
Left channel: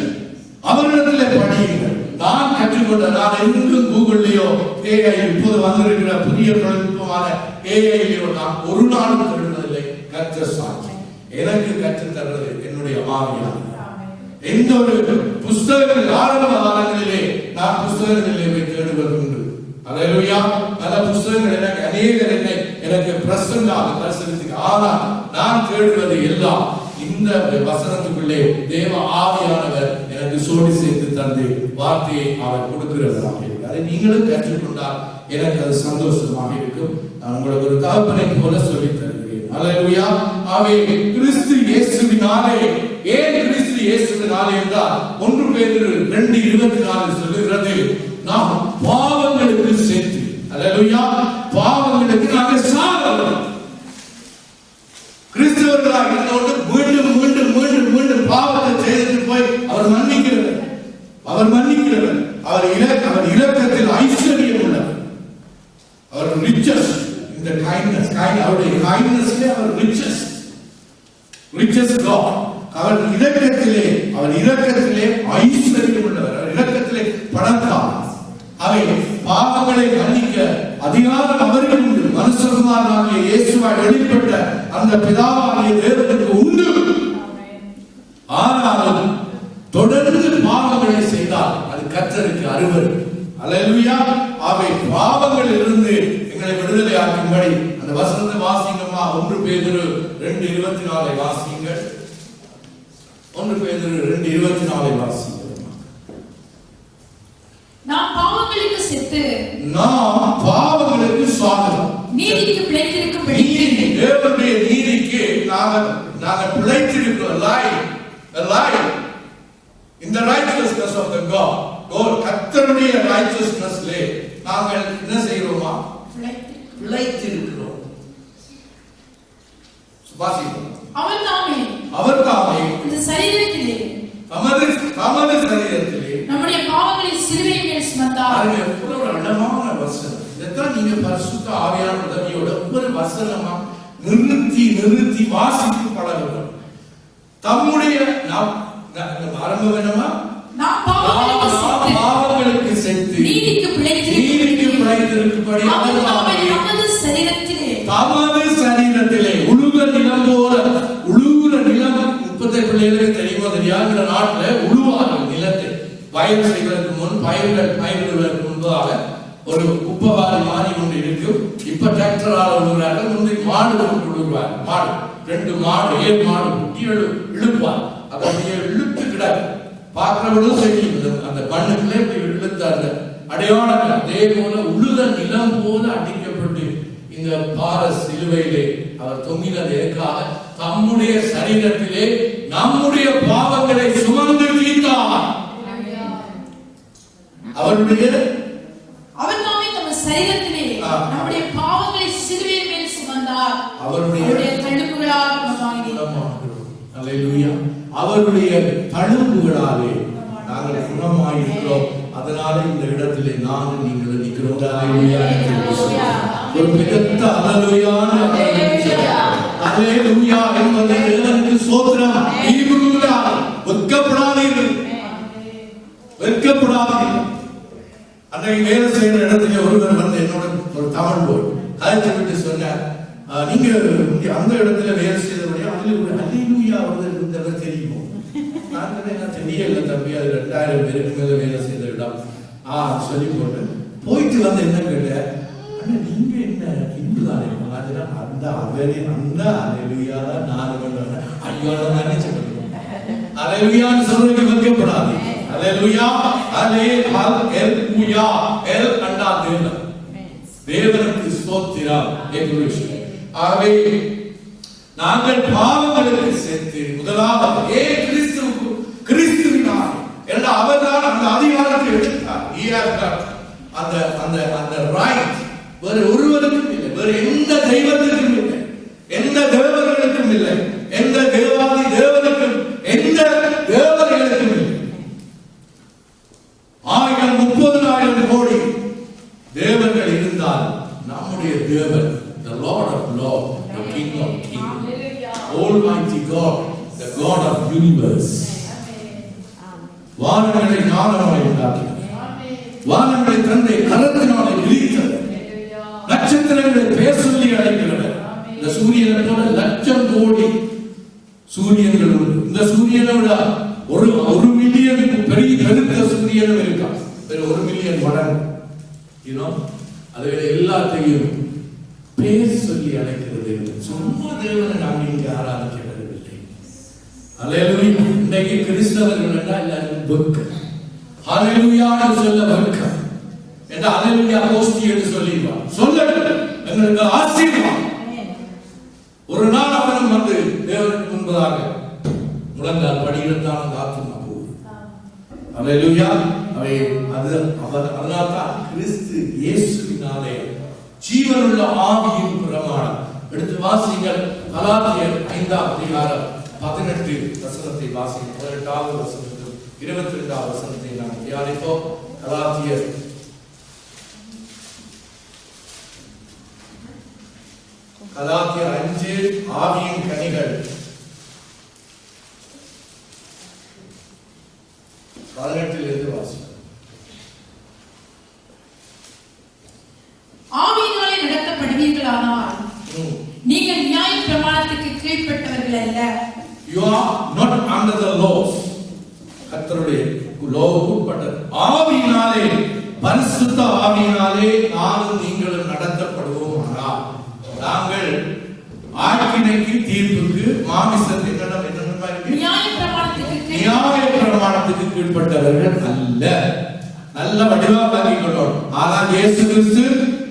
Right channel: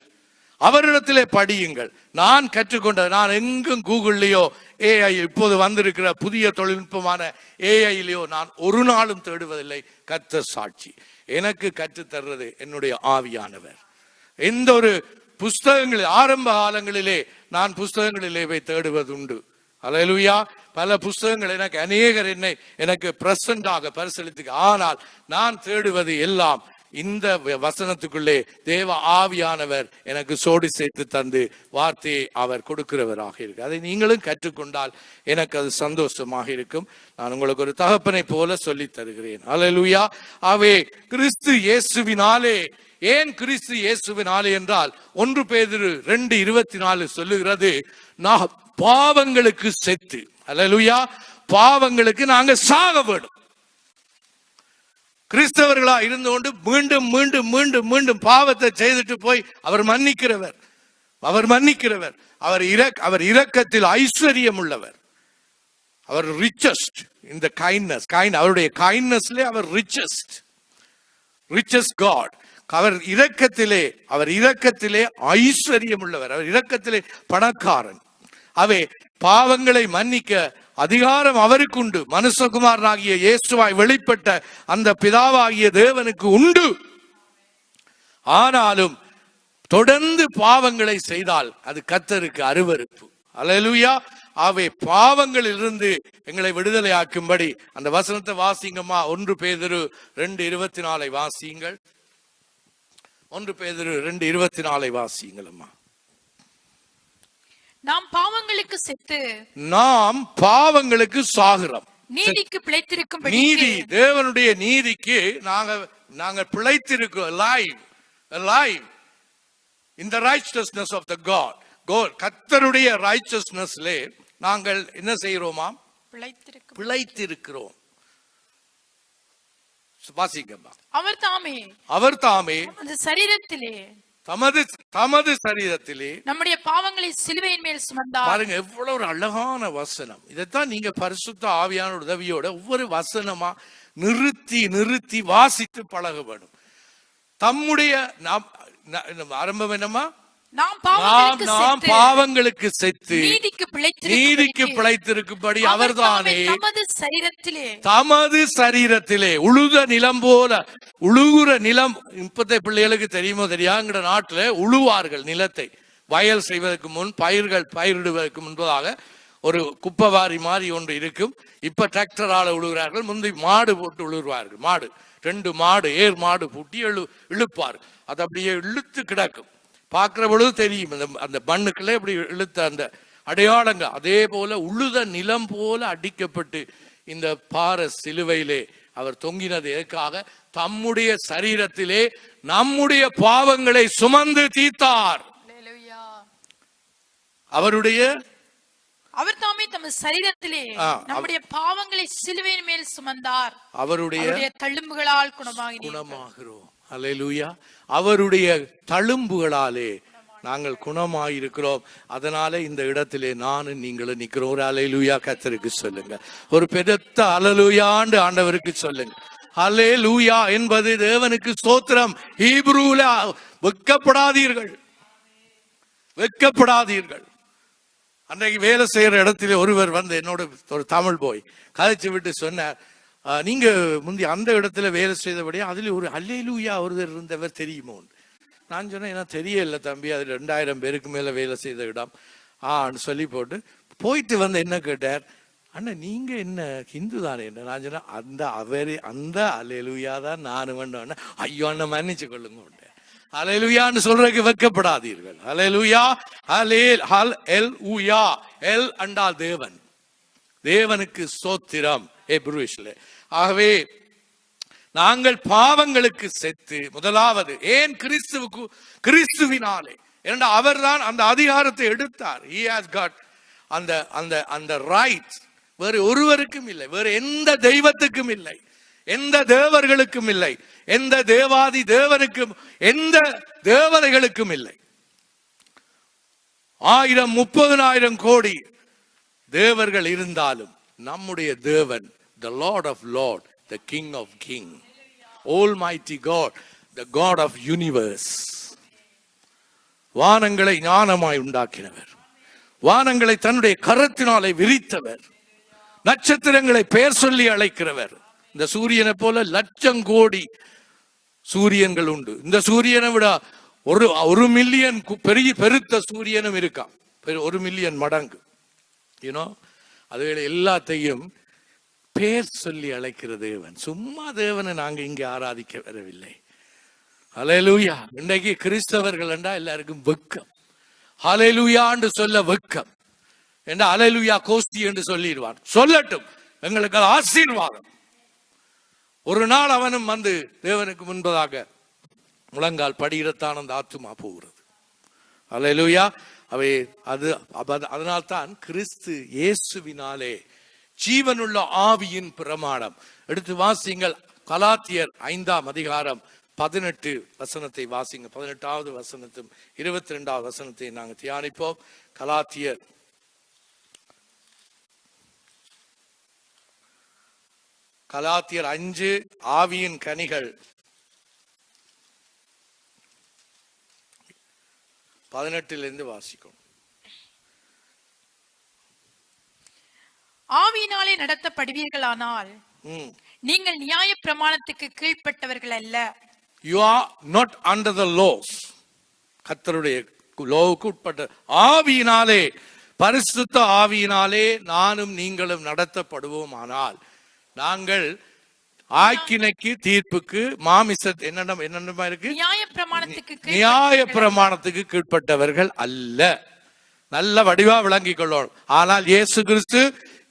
அவரிடத்திலே படியுங்கள். நான் கற்றுக்கொண்ட, நான் எங்கும் கூகுள்லயோ ஏஐ இப்போது வந்திருக்கிற புதிய தொழில்நுட்பமான ஏஐலையோ நான் ஒரு நாளும் தேடுவதில்லை. கர்த்தர் சாட்சி, எனக்கு கற்றுத் தர்றது என்னுடைய ஆவியானவர். எந்த ஒரு புஸ்தகங்கள் ஆரம்ப காலங்களிலே நான் புஸ்தகங்களிலே போய் தேடுவதுண்டு. அல்லேலூயா. பல புஸ்தகங்கள் எனக்கு அநேகர் எனக்கு பிரசண்டாக பரிசீலித்து, ஆனால் நான் தேடுவது எல்லாம் இந்த வசனத்துக்குள்ளே தேவ ஆவியானவர் எனக்கு சோடி சேர்த்து தந்து வார்த்தையை அவர் கொடுக்கிறவராக இருக்கு. அதை நீங்களும் கற்றுக்கொண்டால் எனக்கு அது சந்தோஷமாக இருக்கும். நான் உங்களுக்கு ஒரு தகப்பனை போல சொல்லி தருகிறேன். அல்லேலூயா. ஆவே கிறிஸ்து இயேசுவினாலே, ஏன் கிறிஸ்து இயேசுவினாலே என்றால் 1 பேதுரு 2:24 சொல்லுகிறது, நாம் பாவங்களுக்கு செத்து, அல்லேலூயா, பாவங்களுக்கு நாங்கள் சாக வேண்டும். கிறிஸ்தவர்களா இருந்தோண்டு மீண்டும் மீண்டும் மீண்டும் மீண்டும் பாவத்தை செய்துட்டு போய் அவர் மன்னிக்கிறவர். அவர் இரக்கத்தில் ஐஸ்வர்யம் உள்ளவர். அவர் ரிச்சஸ்ட் இந்த அவருடைய கைண்ட்னஸ்ல அவர் ரிச்சஸ்ட் காட். அவர் இரக்கத்திலே ஐஸ்வர்யம் உள்ளவர். அவர் இரக்கத்திலே பணக்காரர். அவை பாவங்களை மன்னிக்க அதிகாரம் அவருக்கு உண்டு. மனுஷகுமாரனாகிய இயேசுவாய் வெளிப்பட்ட அந்த பிதாவாகிய தேவனுக்கு உண்டு. ஆனாலும் தொடர்ந்து பாவங்களை செய்தால் அது கர்த்தருக்கு அருவருப்பு. அல்லேலூயா. அவை பாவங்களில் இருந்து எங்களை விடுதலை ஆக்கும்படி அந்த வசனத்தை வாசிங்கம்மா. 1 பேதுரு 2:24 வாசியுங்கள். 1 பேதுரு 2:24 வாசியுங்கள். நாம் பாவங்களுக்கு சாகிறோம். நீதிக்கு பிழைத்திருக்கும் நீதி, தேவனுடைய நீதிக்கு நாங்கள் பிழைத்திருக்கிறோம். Alive in the righteousness of the God. கர்த்தருடைய righteousnessலே நாங்கள் என்ன செய்கிறோமா? பிழைத்திருக்கிறோம். வாசிக்கிறோம். அவர் தாமே இந்த சரீரத்திலே தமது சரீரத்திலே நம்முடைய பாவங்களை சிலுவையின் மேல் சுமந்தார். பாருங்க, எவ்வளவு ஒரு அழகான வசனம். இதைத்தான் நீங்க பரிசுத்த ஆவியானவர் உதவியோட ஒவ்வொரு வசனமா நிறுத்தி வாசித்து பழகுவோம். தம்முடைய ஆரம்பம் என்னமா? பாவங்களுக்கு செத்து நீதிக்கு பிழைத்திருக்கும்படி அவர் தாமே தமது சரீரத்திலே உழுத நிலம் போல, உழுகுற நிலம் இப்பத்தை பிள்ளைகளுக்கு தெரியுமோ தெரியாங்கிற நாட்டில் உழுவார்கள் நிலத்தை. வயல் செய்வதற்கு முன் பயிரிடுவதற்கு முன்பதாக ஒரு குப்பைவாரி மாதிரி ஒன்று இருக்கும். இப்ப டிராக்டரால் உழுகிறார்கள். முந்தி மாடு கொண்டு உழுவார். மாடு 2 மாடு ஏழு மாடு குட்டி இழுப்பார். அதை அப்படியே இழுத்து கிடக்கு. பார்க்கிற பொழுது தெரியும் அந்த மண்ணுக்குள்ள இப்படி இழுத்த அந்த அடையாளங்கள். அதே போல உழுத நிலம் போல அடிக்கப்பட்டு இந்த பார சிலுவையிலே அவர் தொங்கினது எதற்காக? தம்முடைய சரீரத்திலே நம்முடைய பாவங்களை சுமந்து தீர்த்தார். அவர் நாமே தம் சரீரத்திலே நம்முடைய பாவங்களை சிலுவையின் மேல் சுமந்தார். அவருடைய தழும்புகளால் குணமாகிறோம். அல்லேலூயா. அவருடைய தழும்புகளாலே நாங்கள் குணமாயிருக்கிறோம். அதனால இந்த இடத்திலே நானும் நீங்களும் நிற்கிறோம். அல்லேலூயா. கர்த்தருக்கு சொல்லுங்க. ஒரு பெருத்த அல்லேலூயான்னு ஆண்டவருக்கு சொல்லுங்க. அல்லேலூயா என்பது தேவனுக்கு ஸ்தோத்திரம். ஹீப்ரூல வெட்கப்படாதீர்கள். அன்றைக்கு வேலை செய்யற இடத்துல ஒருவர் வந்து என்னோட ஒரு தமிழ் போய் கதைச்சு விட்டு சொன்னார், நீங்க அந்த இடத்துல வேலை செய்தபடி அதுல ஒரு அல்லேலூயா ஒருவர் இருந்தவர் தெரியுமோ? நான் சொன்னேன், தெரியல தம்பி, அது 2000 பேருக்கு மேல வேலை செய்த இடம். சொல்லி போட்டேன். போயிட்டு வந்து என்ன கேட்டேன், அண்ணா நீங்க என்ன ஹிந்து தானே? அந்த அவரே அந்த அல்லேலூயா தான் நானும் பண்ண. ஐயோ அந்த மன்னிச்சு கொள்ளுங்க. அல்லேலூயான்னு சொல்றதுக்கு வெட்கப்படாது. அல்லேலூயா. அல்லேலூயா. எல் அண்டா தேவன். தேவனுக்கு ஸ்தோத்திரம். ஆகவே நாங்கள் பாவங்களுக்கு சென்று முதலாவது ஏன் கிறிஸ்துவினார் என்ற அவர்தான் அந்த அதிகாரத்தை எடுத்தார். அந்த ரைட் வேறு ஒருவருக்கும் இல்லை, வேறு எந்த தெய்வத்துக்கும் இல்லை, எந்த தேவர்களுக்கும் இல்லை, எந்த தேவாதி தேவனுக்கும் எந்த தேவதைகளுக்கும் இல்லை. 1000 30,000 கோடி தேவர்கள் இருந்தால் நம்முடைய தேவன், the Lord of Lords, the King of Kings, Almighty God, the God of universe. வானங்களை ஞானமாய் உண்டாக்கினவர், வானங்களை தன்னுடைய கரத்தினாலே விரித்தவர், நட்சத்திரங்களை பெயர் சொல்லி அழைக்கிறவர். இந்த சூரியனை போல 1,00,000 கோடி சூரியன்கள் உண்டு. இந்த சூரியனை விட ஒரு மில்லியன் பெரிய பெருத்த சூரியனும் இருக்கான். 1 மில்லியன் மடங்கு. அதை எல்லாத்தையும் பேர் சொல்லி அழைக்கிறது. சும்மா தேவனை நாங்கள் இங்கே ஆராதிக்க பெறவில்லை. அல்லேலூயா. இன்னைக்கு கிறிஸ்தவர்கள் என்றால் எல்லாருக்கும் வெக்கம். அல்லேலூயான்னு சொல்ல வெக்கம். என்றா அல்லேலூயா கோஷ்டி என்று சொல்லிடுவான். சொல்லட்டும், எங்களுக்கு ஆசீர்வாதம். ஒரு நாள் அவனும் வந்து தேவனுக்கு முன்பதாக முழங்கால் படியிடத்தான் அந்த ஆத்மா போகுது. அல்லேலூயா. அவை அது அதனால்தான் கிறிஸ்து இயேசுவினாலே ஜீவனுள்ள ஆவியின் பிரமாணம். எடுத்து வாசிங்கள். கலாத்தியர் 5ஆம் அதிகாரம் 18 வசனத்தை வாசிங்கள். 18வது வசனத்தில் 22வது வசனத்தை நாங்கள் தியானிப்போம். கலாத்தியர் 5 ஆவியின் கனிகள் 18 வாசிங்கள். ஆவியினாலே நடத்தப்படுவீர்களானால் நீங்கள் நியாய பிரமாணத்துக்கு கீழ்ப்பட்டவர்கள் அல்ல. You are not under the laws. கர்த்தருடைய லோவுக்கு உட்பட்டது. ஆவியினாலே, பரிசுத்த ஆவியினாலே நானும் நீங்களும் நடத்தப்படுவோம். ஆனால் நாங்கள் ஆக்கினைக்கு தீர்ப்புக்கு மாமிசத்தை என்னென்ன இருக்கு, நியாய பிரமாணத்துக்கு கீழ்ப்பட்டவர்கள் அல்ல. நல்ல வடிவா விளங்கிக் கொள்ளணும். ஆனால் இயேசு கிறிஸ்து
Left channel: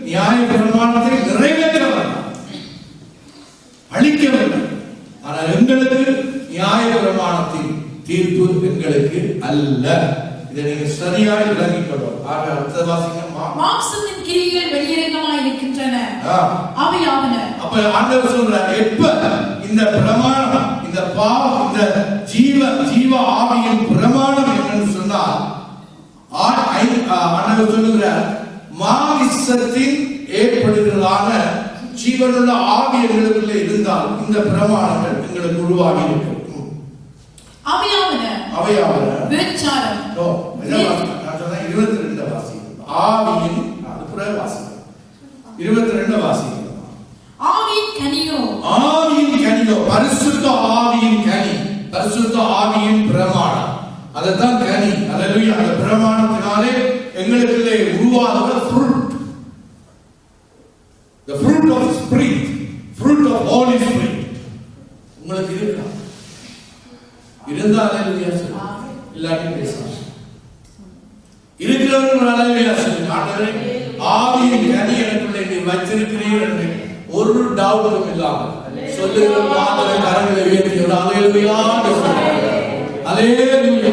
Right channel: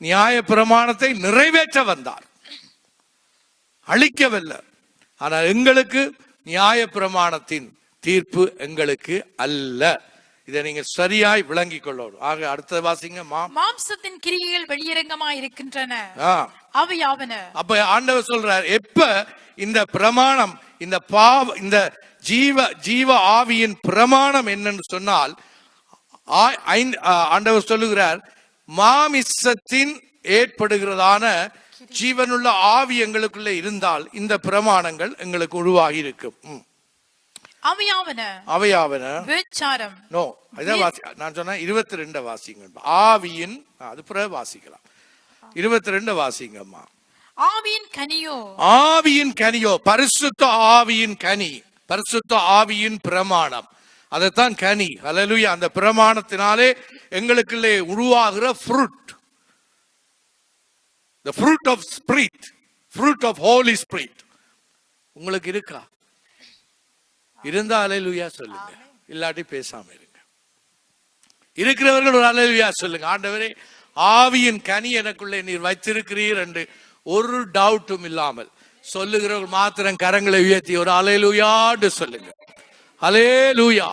நியாய பிரமாணத்தை நிறைவேற்ற வந்தார், அழிக்கவில்லை. ஆனால் எங்களுக்கு நியாய பிரமாணத்தின் தீர்ப்பு எங்களுக்கு அல்ல. இதை நீங்க சரியாய் விளங்கிக் கொள்ளும். அடுத்த வாசிங்க. மாம்சத்தின் கிரியைகள் வெளியரங்கமாய் இருக்கின்றன, அவையாவன. அப்ப ஆண்டவர் சொல்றார், எப்ப இந்த பிரமாணம், இந்த இந்த ஜீவ ஆவியின் பிரமாணம் என்னன்னு சொன்னால், ஆண்டவர் சொல்லுகிறார், மாமிசத்தின் ஏற்படுகிறதான ஜீவனுள்ள ஆவி எங்களுக்குள்ள இருந்தால் இந்த பிரமாணங்கள் எங்களுக்கு உருவாகி இருக்கு. அவையாவன விபச்சாரம். நான் சொன்ன 22 வாசிங்க. ஆவியின், அது பிறகு வாசிங்க. 22 வாசிங்க. ஆவியின் கனியோ, ஆவியின் கனியோ, பரிசுத்த ஆவியின் கனி, பரிசுத்த ஆவியின் பிரமாணம், அதுதான் கனி. அல்லேலூயா. அந்த பிரமாணத்தினாலே எங்களுக்குள்ளே உருவாகிற fruit, the fruit of spirit, fruit of holy spirit உங்களுக்கு இருக்கா? இருந்தா அல்லேலூயா சொல்லுங்க, இல்லாட்டி பேசாம. இருக்கிறவர்கள் ஒரு அல்லேலூயா சொல்லுங்க. ஆண்டவரே, ஆவியின் கனி எனக்குள்ளே நீ வைத்திருக்கிறீர் என்று ஒரு டவுட்டும் இல்லாமல் சொல்லுகிற மாத்திர கரங்களை உயர்த்தி ஒரு அல்லேலூயான்னு சொல்லுங்க. அல்லேலூயா.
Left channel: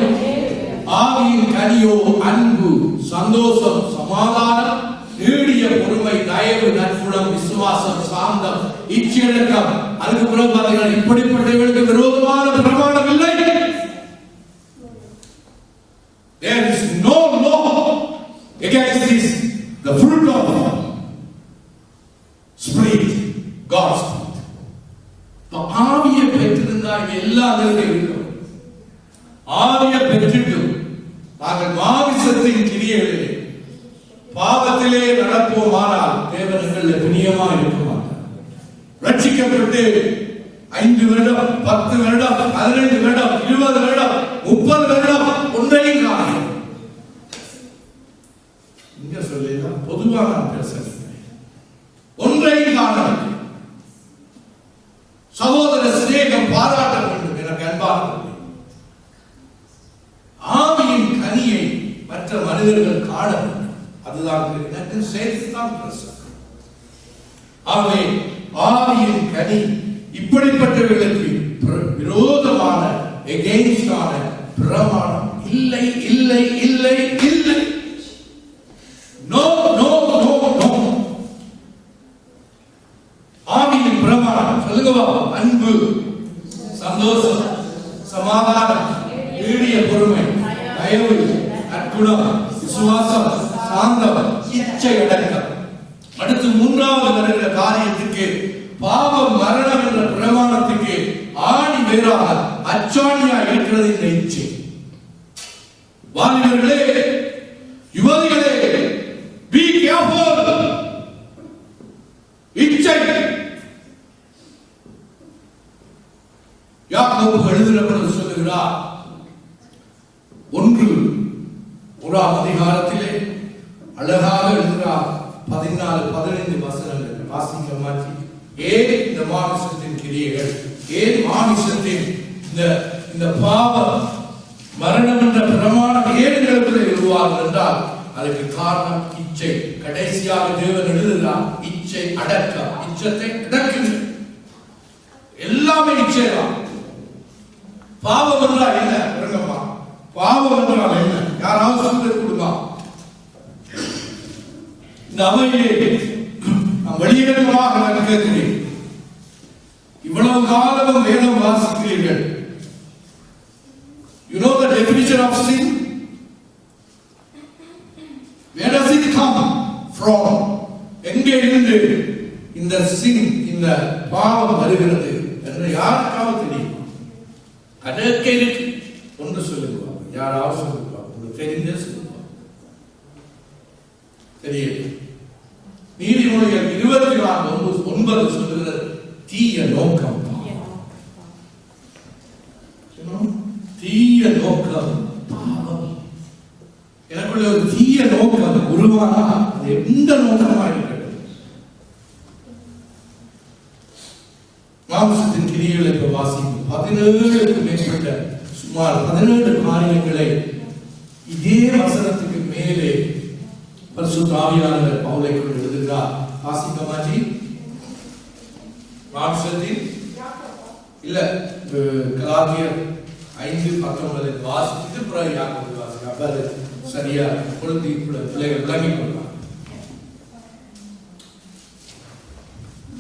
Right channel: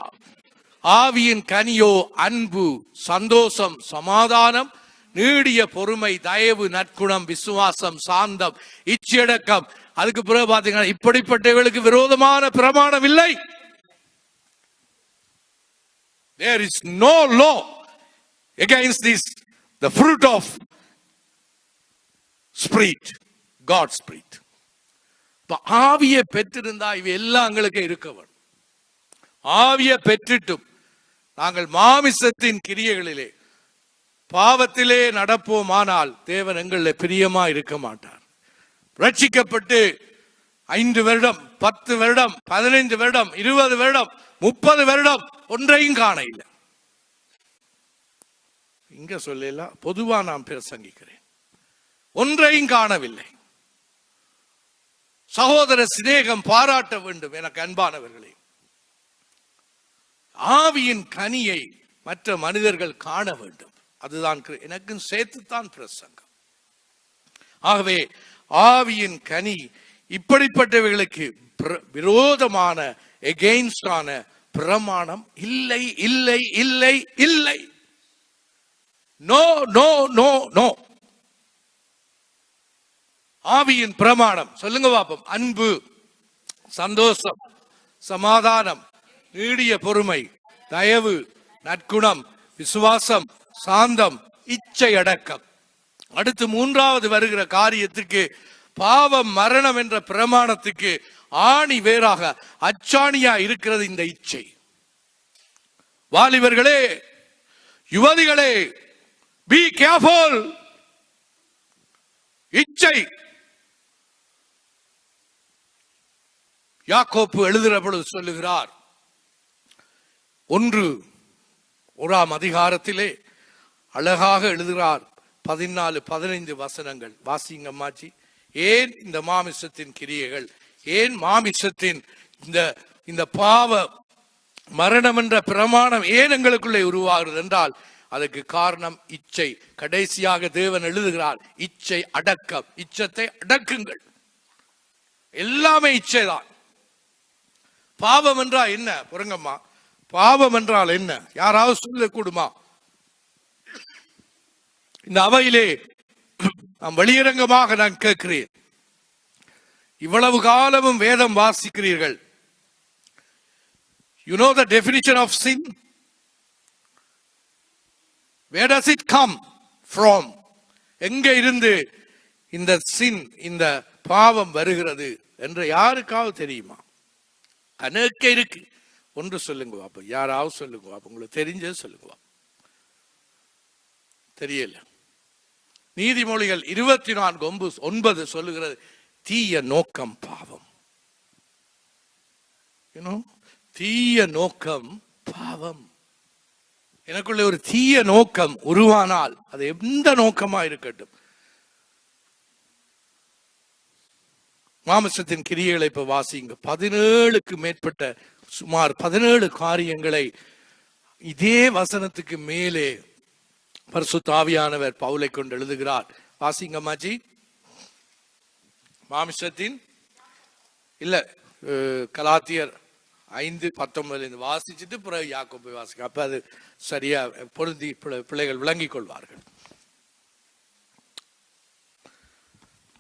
ஆவியின் கனியோ அன்பு, சந்தோஷம், சமாதானம், நீடிய பொறுமை, தயவு, நற்குணம், விசுவாசம், சாந்தம், இச்சையடக்கம். அதுக்கு பிறகு பார்த்தீங்கன்னா, இப்படிப்பட்டவர்களுக்கு விரோதமான பிரமாணம் இல்லை. There is no law against this, the fruit of spirit, God's spirit. ஆவியை பெற்றிருந்தா இவை எல்லாம் எங்களுக்கு இருக்கும். ஆவியை பெற்றுட்டு நாங்கள் மாமிசத்தின் கிரியைகளிலே பாவத்திலே நடப்போமானால் தேவன் எங்களில் பிரியமா இருக்க மாட்டார். ரட்சிக்கப்பட்டு 5 வருடம், 10 வருடம், 15 வருடம், 20 வருடம், 30 வருடம் ஒன்றையும் காணுகிறேன். இங்க சொல்லலாம், பொதுவா நான் பேசுகிறேன், ஒன்றையும் காணவில்லை. சகோதர சிநேகம் பாராட்ட வேண்டும். எனக்கு அன்பான ஆவியின் கனியை மற்ற மனிதர்கள் காண வேண்டும். அதுதான் எனக்கு சேர்த்துதான் பிரசங்கம். ஆகவே ஆவியின் கனி இப்படிப்பட்டவர்களுக்கு விரோதமான எகெயின்ஸ்டான பிரமாணம் இல்லை, இல்லை, இல்லை, இல்லை. No, no, no, no. ஆவியின் பிரமாணம் சொல்லுங்க பாப்பா. அன்பு, சந்தோஷம், சமாதானம், நீடிய பொறுமை, தயவு, நற்குணம், விசுவாசம், சாந்தம், இச்சை அடக்கம். அடுத்து 3வது வருகிற காரியத்துக்கு, பாவ மரணம் என்ற பிரமாணத்துக்கு ஆணி வேறாக அச்சாணியா இருக்கிறது இந்த இச்சை. வாலிபர்களே, யுவதிகளே, be careful. இச்சை. யாக்கோபு எழுதுகிற பொழுது சொல்லுகிறார், 1ஆம் அதிகாரத்திலே அழகாக எழுதுகிறார். 14, 15 வசனங்கள் வாசிங்க மாற்றி. ஏன் இந்த மாமிசத்தின் கிரியைகள், ஏன் மாமிசத்தின் இந்த பாவ மரணம் என்ற பிரமாணம் ஏன் எங்களுக்குள்ளே உருவாகும் என்றால் அதற்கு காரணம் இச்சை. கடைசியாக தேவன் எழுதுகிறார், இச்சை அடக்கம். இச்சத்தை அடக்குங்க. எல்லாமே இச்சை தான். பாவம் என்றால் என்ன? பிரங்கம்மா, பாவம் என்றால் என்ன? யாராவது சொல்ல கூடுமா? இந்த அவையிலே நாம் வெளியிறங்கமாக நான் கேட்கிறேன். இவ்வளவு காலமும் வேதம் வாசிக்கிறீர்கள். You know the definition of sin? Where does it come from? எங்கே இருந்து இந்த sin, இந்த பாவம் வருகிறது என்று யாருக்காவது தெரியுமா? அதற்கு இருக்கு. ஒன்று சொல்லுங்க, யாராவது சொல்லுங்க, உங்களுக்கு தெரிஞ்ச சொல்லுங்க. தெரியல. நீதிமொழிகள் 24:9 சொல்லுகிறது, தீய நோக்கம். தீய நோக்கம் பாவம். எனக்குள்ள ஒரு தீய நோக்கம் உருவானால் அது எந்த நோக்கமா இருக்கட்டும். மாம்சத்தின் கிரியைகளை இப்ப வாசிங்க. 17க்கும் மேற்பட்ட, சுமார் 17 காரியங்களை இதே வசனத்துக்கு மேலே பரிசுத்த ஆவியானவர் பவுலை கொண்டு எழுதுகிறார். வாசிங்கம்மாஜி. மாம்சத்தின் இல்ல கலாத்தியர் 5:19 வாசிச்சுட்டு பிறகு யாக்கோபு வாசிங்க. அப்ப அது சரியா பொருந்தி பிள்ளைகள் விளங்கிக் கொள்ளலாம்.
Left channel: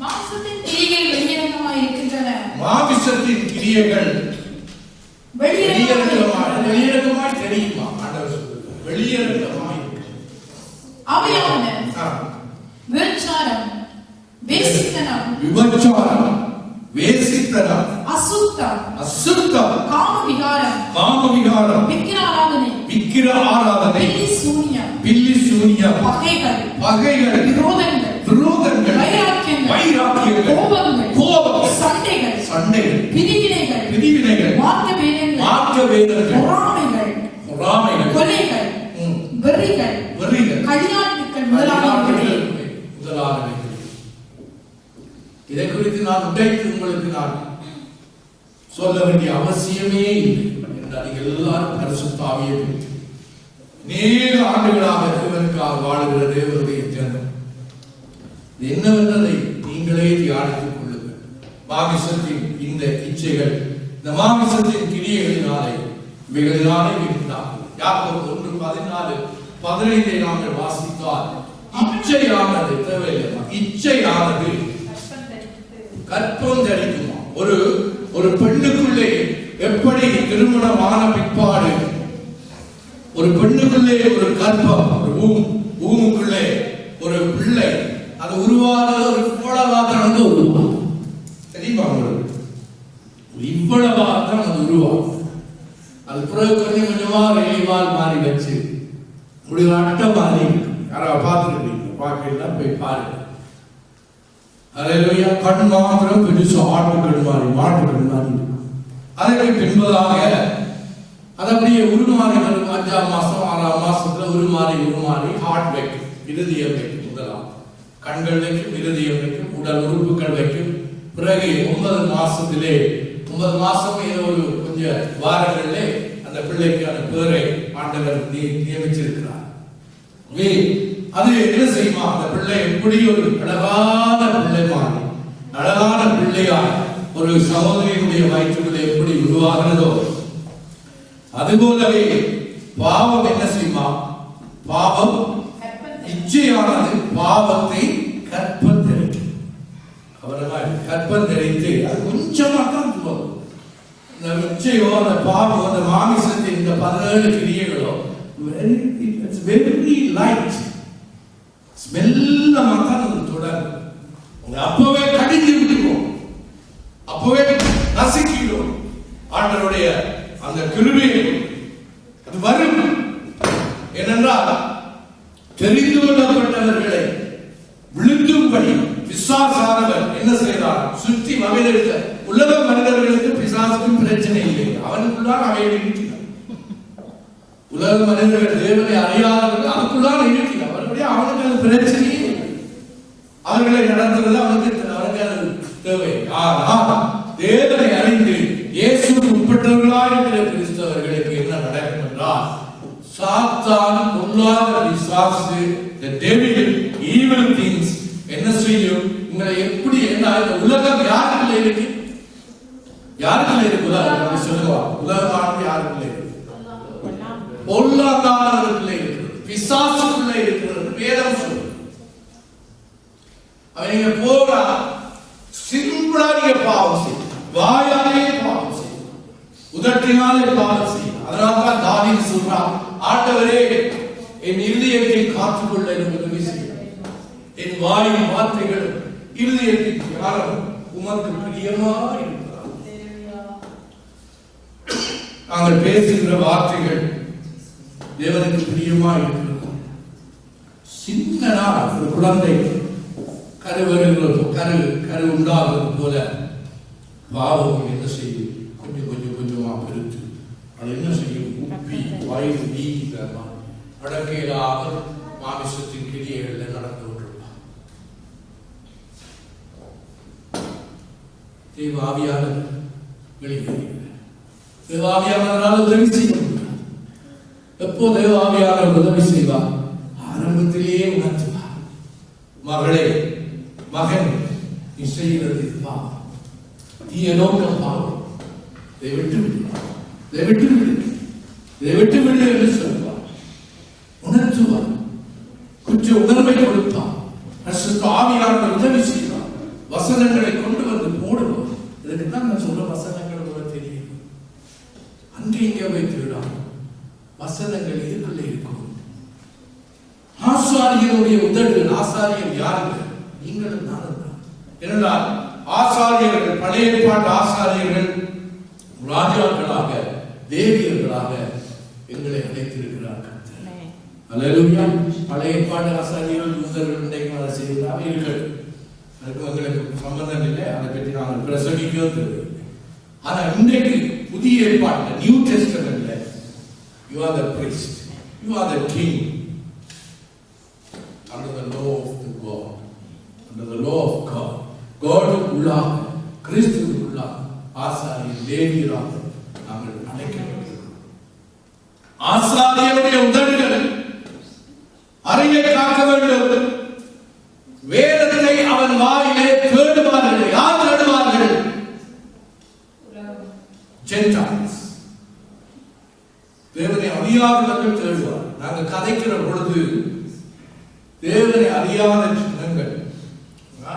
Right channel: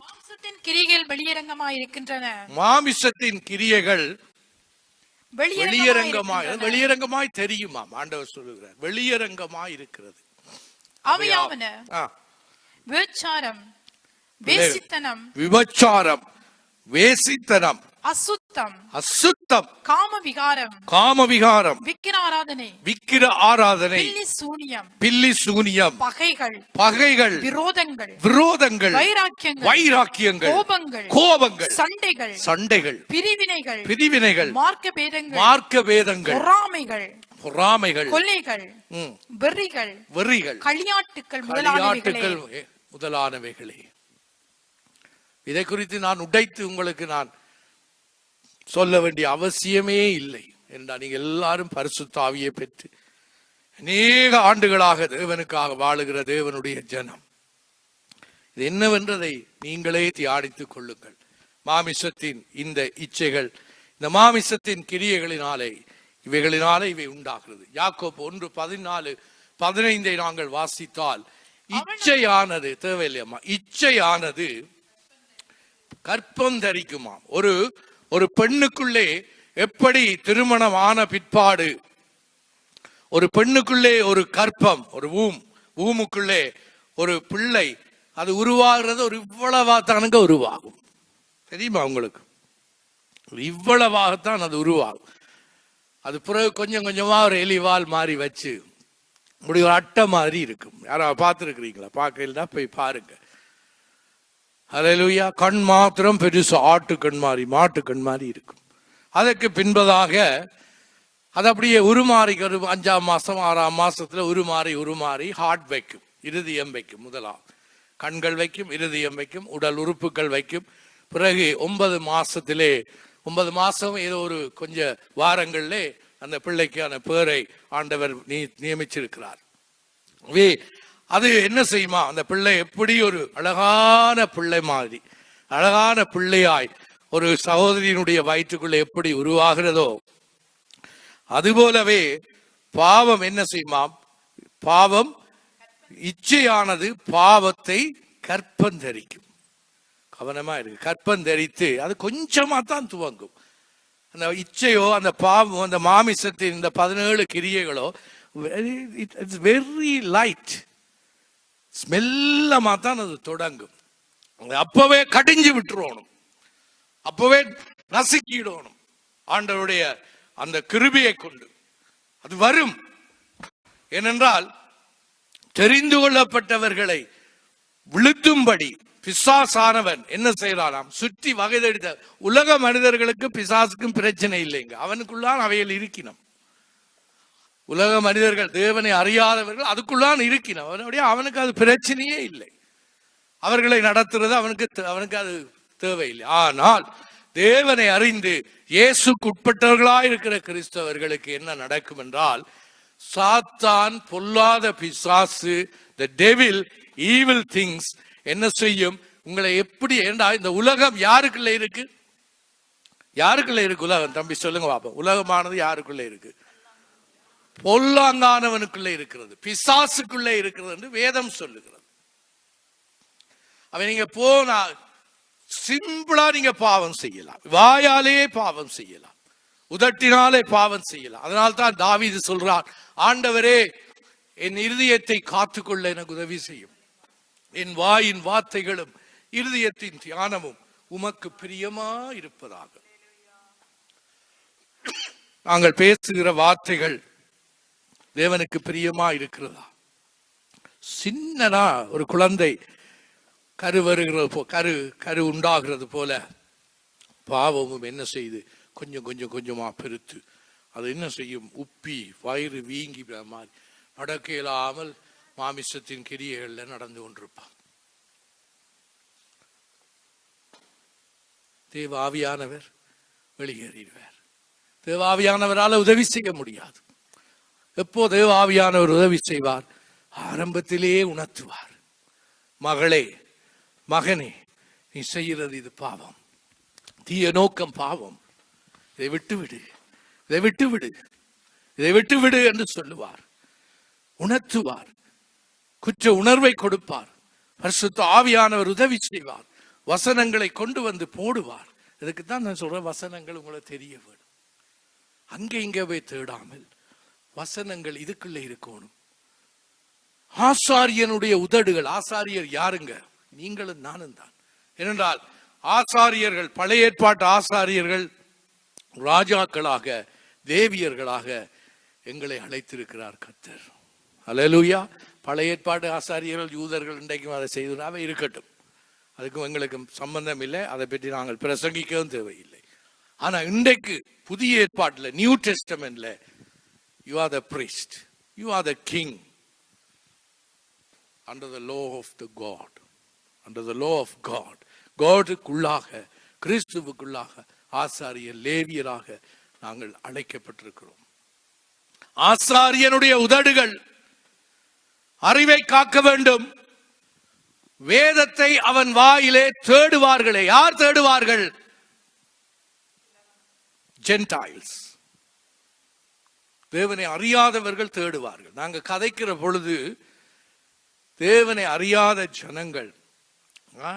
மாம்சத்தின் கிரியைகள் வெளியரங்கமாய் இருக்கின்றன. மாம்சத்தின் கிரியைகள் வெளியரங்கமாய் தெரியுமா? ஆண்டவர் சொல்லுங்க, வெளியரங்கமாய் இருக்கு. அவையாவன விபச்சாரம், வேசித்தனம், அசுத்தம், காமவிகாரம், விக்கிர ஆராதனை, பில்லி சூனியம், பகைகள், விரோதங்கள், வைராக்கியங்கள், கோபங்கள், சண்டைகள், பிரிவினைகள், மார்க்கபேதங்கள், பொறாமைகள், கொலைகள், வெறிகள், முதலானவைகள். இதை குறித்து நான் உடைத்து உங்களுக்கு நான் சொல்ல வேண்டிய அவசியமே இல்லை என்றால், நீங்கள் எல்லாரும் பரிசுத்த ஆவியை பெற்று அநேக ஆண்டுகளாக தேவனுக்காக வாழுகிற தேவனுடைய ஜனம். இது என்னவென்றதை நீங்களே தியானித்துக் கொள்ளுங்கள். மாமிசத்தின் இந்த இச்சைகள், இந்த மாமிசத்தின் கிரியைகளினாலே இவைகளினாலே உண்டாகும். யாக்கோபு 1:14-15 நாங்கள் வாசித்தால், இச்சையானது தேவையில்லையா? இச்சையானது கற்பம் தரிக்குமா? ஒரு பெண்ணுக்குள்ளே எப்படி திருமணமான பிற்பாடு ஒரு பெண்ணுக்குள்ளே ஒரு கற்பம், ஒரு பூமுக்குள்ளே ஒரு பிள்ளை அது உருவாகிறது, ஒரு இவ்வளவாத்தானது உருவாகும். தெரியுமா உங்களுக்கு? இவ்வளவாத்தான் அது உருவாகும். அது பிறகு கொஞ்சம் கொஞ்சமா ஒரு எலிவால் மாறி வச்சு ஒரு அட்டை மாதிரி இருக்கு. யாராவது பார்த்துருக்கீங்க? பார்க்கலாம், போய் பாருங்க. ஹல்லேலூயா. கண் மாத்திரம் பெருசு ஆட்டு கண் மாதிரி, மாட்டு கண் மாதிரி இருக்கும். அதற்கு பின்பதாக அது அப்படியே உருமாறிகளும் 5ஆம் மாசம் 6ஆம் மாசத்துல உருமாறி ஹார்ட் வைக்கும், இருதயம் வைக்கும். முதலாம் கண்கள் வைக்கும், இருதயம் வைக்கும், உடல் உறுப்புகள் வைக்கும். பிறகு 9 மாசத்திலே 9 மாசம் ஏதோ ஒரு கொஞ்சம் வாரங்களிலே அந்த பிள்ளைக்கான பேரை ஆண்டவர் நியமிச்சிருக்கிறார். அது என்ன செய்யுமா? அந்த பிள்ளை எப்படி ஒரு அழகான பிள்ளை மாதிரி, அழகான பிள்ளையாய் ஒரு சகோதரியினுடைய வயிற்றுக்குள்ளே எப்படி உருவாகிறதோ அதுபோலவே பாவம் என்ன செய்யுமா? பாவம் இச்சையானது பாவத்தை கற்பந்தரிக்கும். கவனமா கற்பந்தரித்து அது கொஞ்சமா தான் போதும். அந்த இச்சையோ அந்த பாவம் அந்த மாமிசத்தின் இந்த 17 கிரியைகளோ வெரி லைட், ஸ்மெல்லமா தான் அது தொடங்கும். அப்பவே கடிஞ்சு விட்டுருவோம், அப்பவே நசுக்கிடுவோம். ஆண்டவருடைய அந்த கிருபையை அது வரும். ஏனென்றால் தெரிந்து கொள்ளப்பட்டவர்களை விழுத்தும்படி பிசாசானவர் என்ன செய்யறார்? சுற்றி வகைதெடுத்த உலக மனிதர்களுக்கு பிசாசுக்கும் பிரச்சனை இல்லை, அவனுக்குள்ளான் அவையில் இருக்கிறார். உலக மனிதர்கள் தேவனை அறியாதவர்கள் அதுக்குள்ளான் இருக்கிறார். அவனுக்கு அது பிரச்சனையே இல்லை. அவர்களை நடத்துறது அவனுக்கு அது தேவை. ஆனால் தேவனை அறிந்து இயேசுக்கு உட்பட்டவர்களாக இருக்கிற கிறிஸ்தவர்களுக்கு என்ன நடக்கும் என்றால், சாத்தான், பொல்லாத பிசாசு, the devil, evil things என்ன செய்யும்? உங்களை எப்படி இந்த உலகம் யாருக்குள்ள இருக்கு? யாருக்குள்ள இருக்கு உலகம்? அப்படி சொல்லுங்க. உலகமானது யாருக்குள்ள இருக்கு? பொல்லாங்கானவனுக்குள்ளே இருக்கிறது, பிசாசுக்குள்ளே இருக்கிறது. வேதம் சொல்லுது. அவன் நீங்க போனா சிம்பிளா நீங்க பாவம் செய்யலாம், வாயாலே பாவம் செய்யலாம், உதட்டினாலே பாவம் செய்யலாம். அதனால்தான் தாவீது சொல்றான், ஆண்டவரே என் இருதயத்தை காத்துக்கொள்ள எனக்கு உதவி செய்யும், என் வாயின் வார்த்தைகளும் இருதயத்தின் தியானமும் உமக்கு பிரியமா இருப்பதா. நாங்கள் பேசுகிற வார்த்தைகள் தேவனுக்கு பிரியமா இருக்கிறது. சின்னதா ஒரு குழந்தை கரு உண்டாகிறது போல பாவம் என்ன செய்து கொஞ்சமா பெருத்து அது என்ன செய்யும்? உப்பி வயிறு வீக்கிட்டா அடக்கையிலாக மாமிசத்தின் கிரியைகள் நடந்து கொண்டிருப்பார். தேவாவியானவர் வெளியேறுகிறார். தேவாவியானவரால் உதவி செய்ய முடியாது. எப்போ தேவாவியானவர் உதவி செய்வார்? ஆரம்பத்திலே உணர்த்துவார். மகளே, மகன், நீ செய்கிறது இது பாவம், தீய நோக்கம் பாவம், இதை விட்டு விடு, இதை விட்டு விடு, இதை விட்டு விடு என்று சொல்லுவார். உணர்த்துவார், குற்ற உணர்வை கொடுப்பார். பரிசுத்த ஆவியானவர் உதவி செய்வார். வசனங்களை கொண்டு வந்து போடுவார். இதுக்கு தான் நான் சொல்ற வசனங்கள் கூட தெரியும். அங்கே இங்கே வைத்து விடாமல் வசனங்கள் இதுக்குள்ளே இருக்கும். ஆசாரியனுடைய உதடுகள். ஆசாரியர் யாருங்க? நீங்களும் நானும் தான். ஏனென்றால் ஆசாரியர்கள், பழைய ஏற்பாட்டு ஆசாரியர்கள் ராஜாக்களாக, தேவியர்களாக எங்களை அழைத்திருக்கிறார் கர்த்தர். அல்லேலூயா. பழைய ஏற்பாட்டு ஆசாரியர்கள் யூதர்கள் இன்றைக்கு வேலை செய்ததாக இருக்கட்டும், அதுக்கு எங்களுக்கு சம்பந்தம் இல்லை, அதை பற்றி நாங்கள் பிரசங்கிக்கவும் தேவையில்லை. ஆனால் இன்றைக்கு புதிய ஏற்பாட்டில், new டெஸ்டமென்ட்ல, you are the priest, you are the king under the law of the God, under the law of God. God-க்குள்ளாக, கிறிஸ்துவுக்குள்ளாக ஆசாரியர், லேவியராக நாங்கள் அழைக்கப்பட்டிருக்கிறோம். ஆசாரியருடைய உதடுகள் அறிவை காக்க வேண்டும். வேதத்தை அவன் வாயிலே தேடுவார்களே. யார் தேடுவார்கள்? ஜென்டைல்ஸ். தேவனை அறியாதவர்கள் தேடுவார். நாங்கள் கதைக்கிற பொழுது தேவனை அறியாத ஜனங்கள்,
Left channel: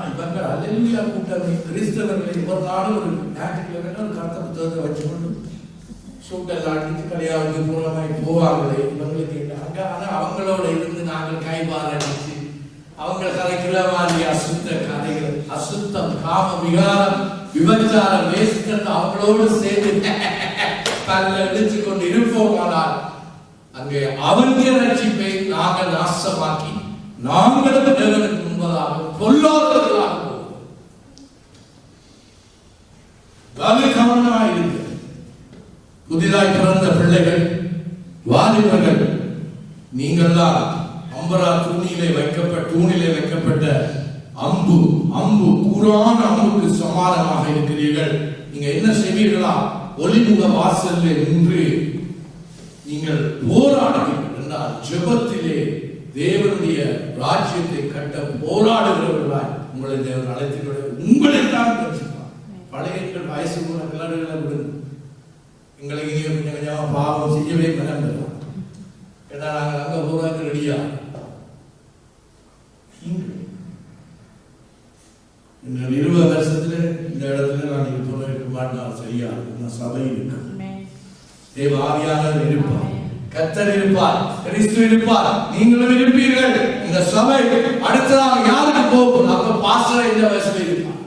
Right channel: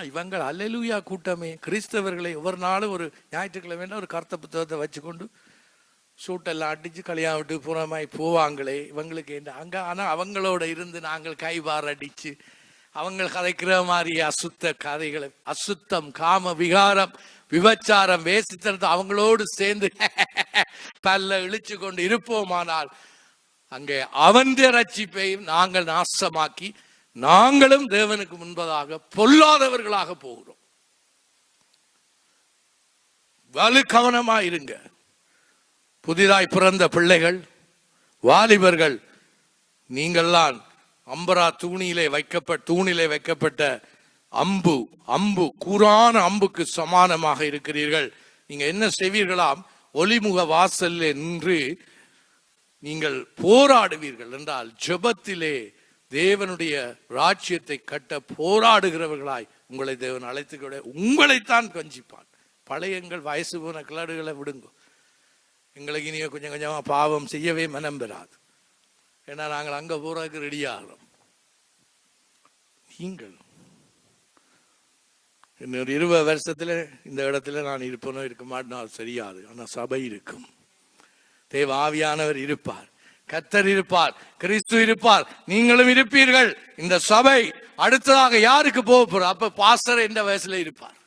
இவர்கள் அல்லேலூயா கூட்டமே, கிறிஸ்தவர்களை ஒரு நாள் ஒரு ஞாயிற்றுக்கிழமை ஒரு கர்த்த புத்தகத்தை வச்சுக்கொண்டு சூட்டெல்லாம் அடிச்சு கல்யாணத்துக்கு புறமாய் போவாங்களே, இவங்களை கேட்டாங்க. ஆனா அவங்களோட இருந்து நாங்கள் கைபார அடிச்சு அவங்க கதைக்கிற மாதிரி அசுத்த கதைகள், அசுத்தம், காம விகாரம், விபச்சாரம், வேசித்தத்தை அவங்களோடு சேர்ந்து தள்ள இடிச்சு கொண்டு இருப்போமானால் அங்கே அவன் ரட்சிப்பை நாங்கள் நாசமாக்கி நாங்களும் தேவனுக்கு முன்பதாக பொல்லாதவர்களாக போவோம். வலு கவனமாய் இருக்கு. புதிதாய் பிறந்த பிள்ளைகள், வாலிபர்கள், நீங்கள்லாம் அம்பரா தூணிலே வைக்கப்பட்ட அம்பு கூரான அம்புக்கு சமானமாக இருக்கிறீர்கள். நீங்க என்ன செய்வீர்களா? ஒளிமுக வாசலில் நின்று நீங்கள் போராடுவீர்கள் என்றால் ஜெபத்திலே தேவனுடைய ராஜ்யத்தை கட்ட போராடுகிறவர்களாய் உங்களை தேவன் அழைத்து உங்களைத்தான் பேசுவார். பழையங்கள் வயசு போன கிளடுகளை விடுங்க. எங்களுக்கு இனிய கொஞ்சம் கொஞ்சமாக பாவம் செய்யவே மனம் பெறாது. ஏன்னா நாங்கள் அங்க போறதுக்கு ரெடியா. இன்னொரு 20 வருஷத்துல இந்த இடத்துல நான் இருப்போம் இருக்க மாட்டேன். சரியா? சபை இருக்கும், தேவ ஆவியானவர் இருப்பார், கர்த்தர் இருப்பார், கிறிஸ்து இருப்பார், நீங்களும் இருப்பீர்கள். இந்த சபை அடுத்ததாக யாருக்கு போக போறோம்? அப்ப பாஸ்டர் இந்த வயசுல இருப்பார்,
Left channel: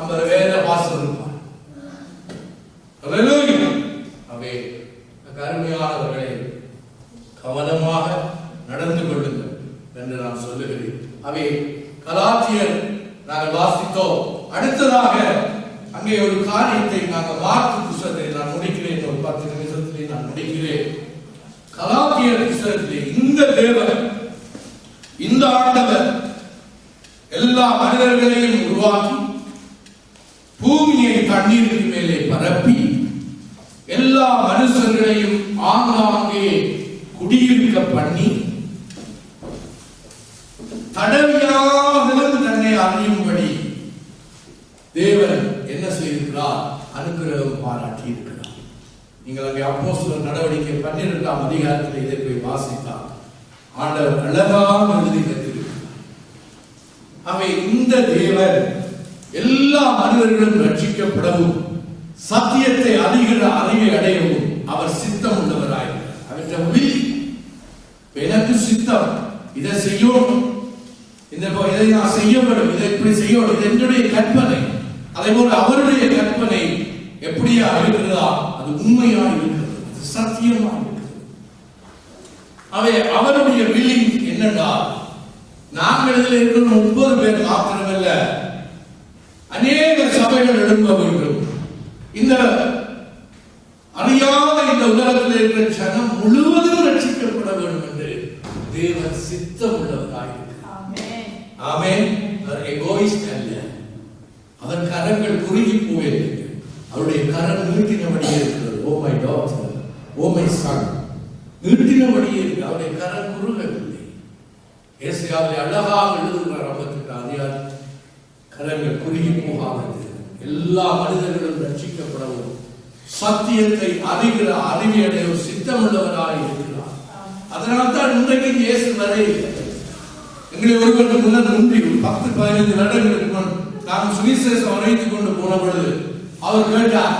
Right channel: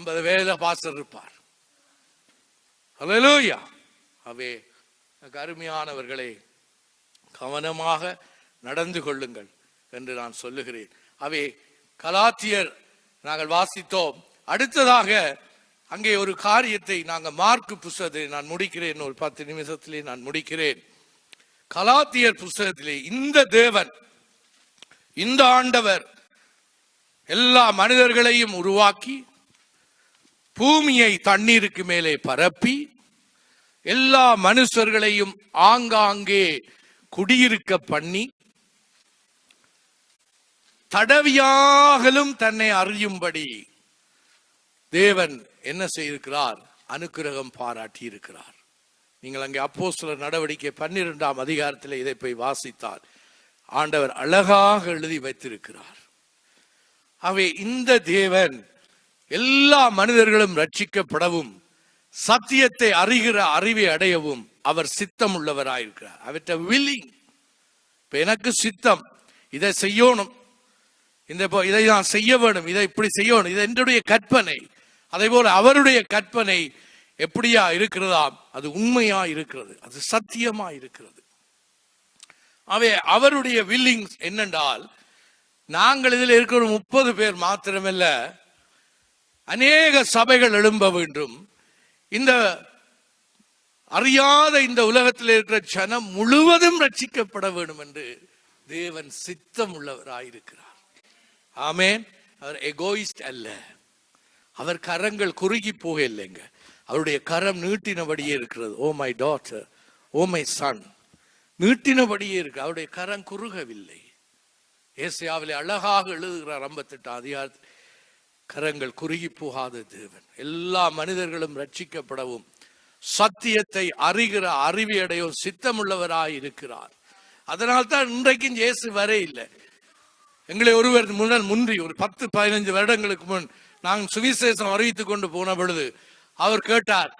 50 வயதுல பாஸ்டர் இருப்பார். அல்லேலூயா. அவே கருணையானவர்களை கவனமாக நடந்து கொள்ளுங்கள் என்று நான் சொல்லுகிறேன். அவை கலாத்தியர் நாங்கள் வாசித்தோம். அடுத்ததாக அங்கே ஒரு காரியத்தை நாங்கள் மார்க்கு புத்தகத்தை நான் முடிக்கிறேன், ஒரு 10 நிமிஷத்திலே நான் முடிக்கிறேன். கலாத்தியர் புத்தகத்திலே இந்த தேவன், இந்த ஆண்டவர் எல்லா மனிதர்களையும் உருவாக்கி பூமியை தண்ணீருக்கு மேலே பரப்பி எல்லா மனுஷர்களையும் ஆங்காங்கே குடியிருக்க பண்ணி தடவியாகலும் தன்னை அறியும்படி தேவன் என்ன செய்திருக்கிறார்? அனுக்கிரகம் பாராட்டி இருக்கிறார். நீங்கள் அங்கே அப்போஸ்தலர் நடவடிக்கை 12ஆம் அதிகாரத்தில் இதை போய் வாசித்தால் ஆண்டவர் அழகாக எழுதி வைத்திருக்கிறார். அவை இந்த தேவன் எல்லா மனிதர்களும் ரட்சிக்கப்படவும் சத்தியத்தை அறிகிற அறிவை அடையவும் அவர் சித்தம் உள்ளவராயிருக்கிறார். அவற்றை வில்லி எனக்கு சித்தம், இதை செய்யணும், இதை நான் செய்ய வேண்டும், இதை இப்படி செய்யணும், இது என்னுடைய கற்பனை. அதே போல அவருடைய கற்பனை எப்படியா இருக்கிறதா? அது உண்மையா இருக்கிறது, அது சத்தியமா இருக்கிறது. அவருடைய வில்லிங் என்னன்னா, நாங்கள் இதில் இருக்கிற 30 பேர் மாத்திரமல்ல, அநேக சபைகள் எழும்ப வேண்டும். இந்த அறியாத இந்த உலகத்தில் இருக்கிற ஜனம் முழுவதும் ரட்சிக்கப்பட வேண்டும் என்று தேவன் சித்தம் உள்ளவராயிருக்கிறார். ஆமென். அவர் எகோயிஸ்ட் அல்ல. அவர் கரங்கள் குறுகி போயிருக்க, அவருடைய கரம் நீட்டினபடியே இருக்கிறது. Oh my daughter, oh my son, நீட்டினபடியே இருக்கு. அவருடைய கரம் குறுகவில்லை. ஏசாயாவிலே அழகாக எழுதுகிறார் 58 அதிகாரம், கரங்கள் குறுகி போகாதது, எல்லா மனிதர்களும் ரட்சிக்கப்படவும் சத்தியத்தை அறிகிற அறிவியடைய ஒரு சித்தமுள்ளவராய் இருக்கிறார். அதனால் தான் இன்றைக்கு இயேசு வர இல்லை. எங்களை ஒருவருக்கு முன்னர் முன்றி 10-15 வருடங்களுக்கு முன் நான் சுவிசேஷம் அறிவித்துக் கொண்டு போன பொழுது அவர் கேட்டார்,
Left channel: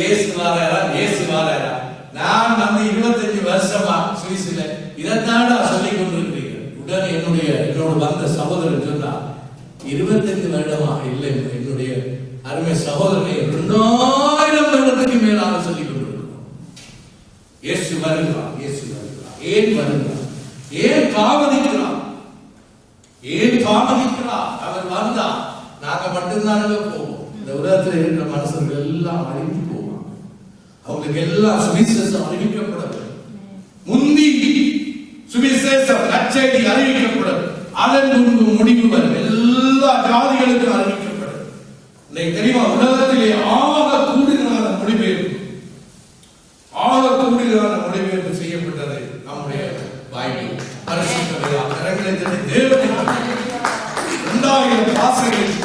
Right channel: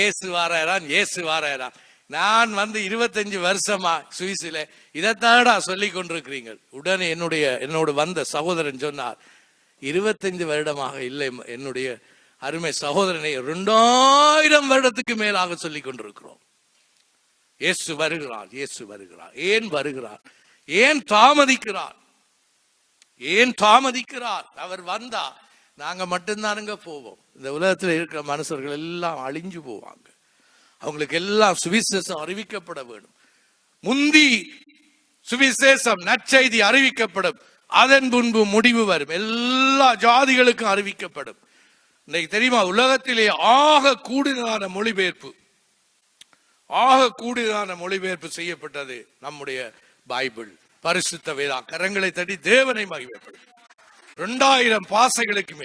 இயேசு வாராரா? நான் வந்து 25 வருஷமா சுவிசில இதைத்தாடா சொல்லிக் கொண்டிருக்கிறீர்கள். உடனே என்னோடு வந்த சகோதரன் சொன்னார், 25 வருடமாக இல்லை என்னுடைய அருமை சகோதரனை, 2000 வருடத்துக்கு மேலாக சொல்லிக் கொண்டிருக்கிறோம். இயேசு வருகிறார், இயேசு வருகிறார். ஏன் வருகிறார்? ஏன் தாமதிக்கிறார்? அவர் வந்தா நாங்க மட்டும்தான் போவோம். இந்த உலகத்தில் இருக்கிற மனுஷர்கள் எல்லாம் அழிஞ்சு போவாங்க. அவங்களுக்கு எல்லாம் சுவிசேஷம் அறிவிக்கப்படும். முந்தி சுவிசேஷம் நற்செய்தி அறிவிக்கப்படும், அதன் முன்பு முடிவு வரும். எல்லா ஜாதிகளுக்கும் அறிவிக்கப்படும். இன்னைக்கு தெரியுமா, உலகத்திலே ஆக கூடுதலான மொழிபெயர்ப்பு செய்யப்பட்டது நம்முடைய பைபிள், பரிசுத்த வேதம். கரங்களை தட்டி தேவனை 2000 பாசைகளுக்கு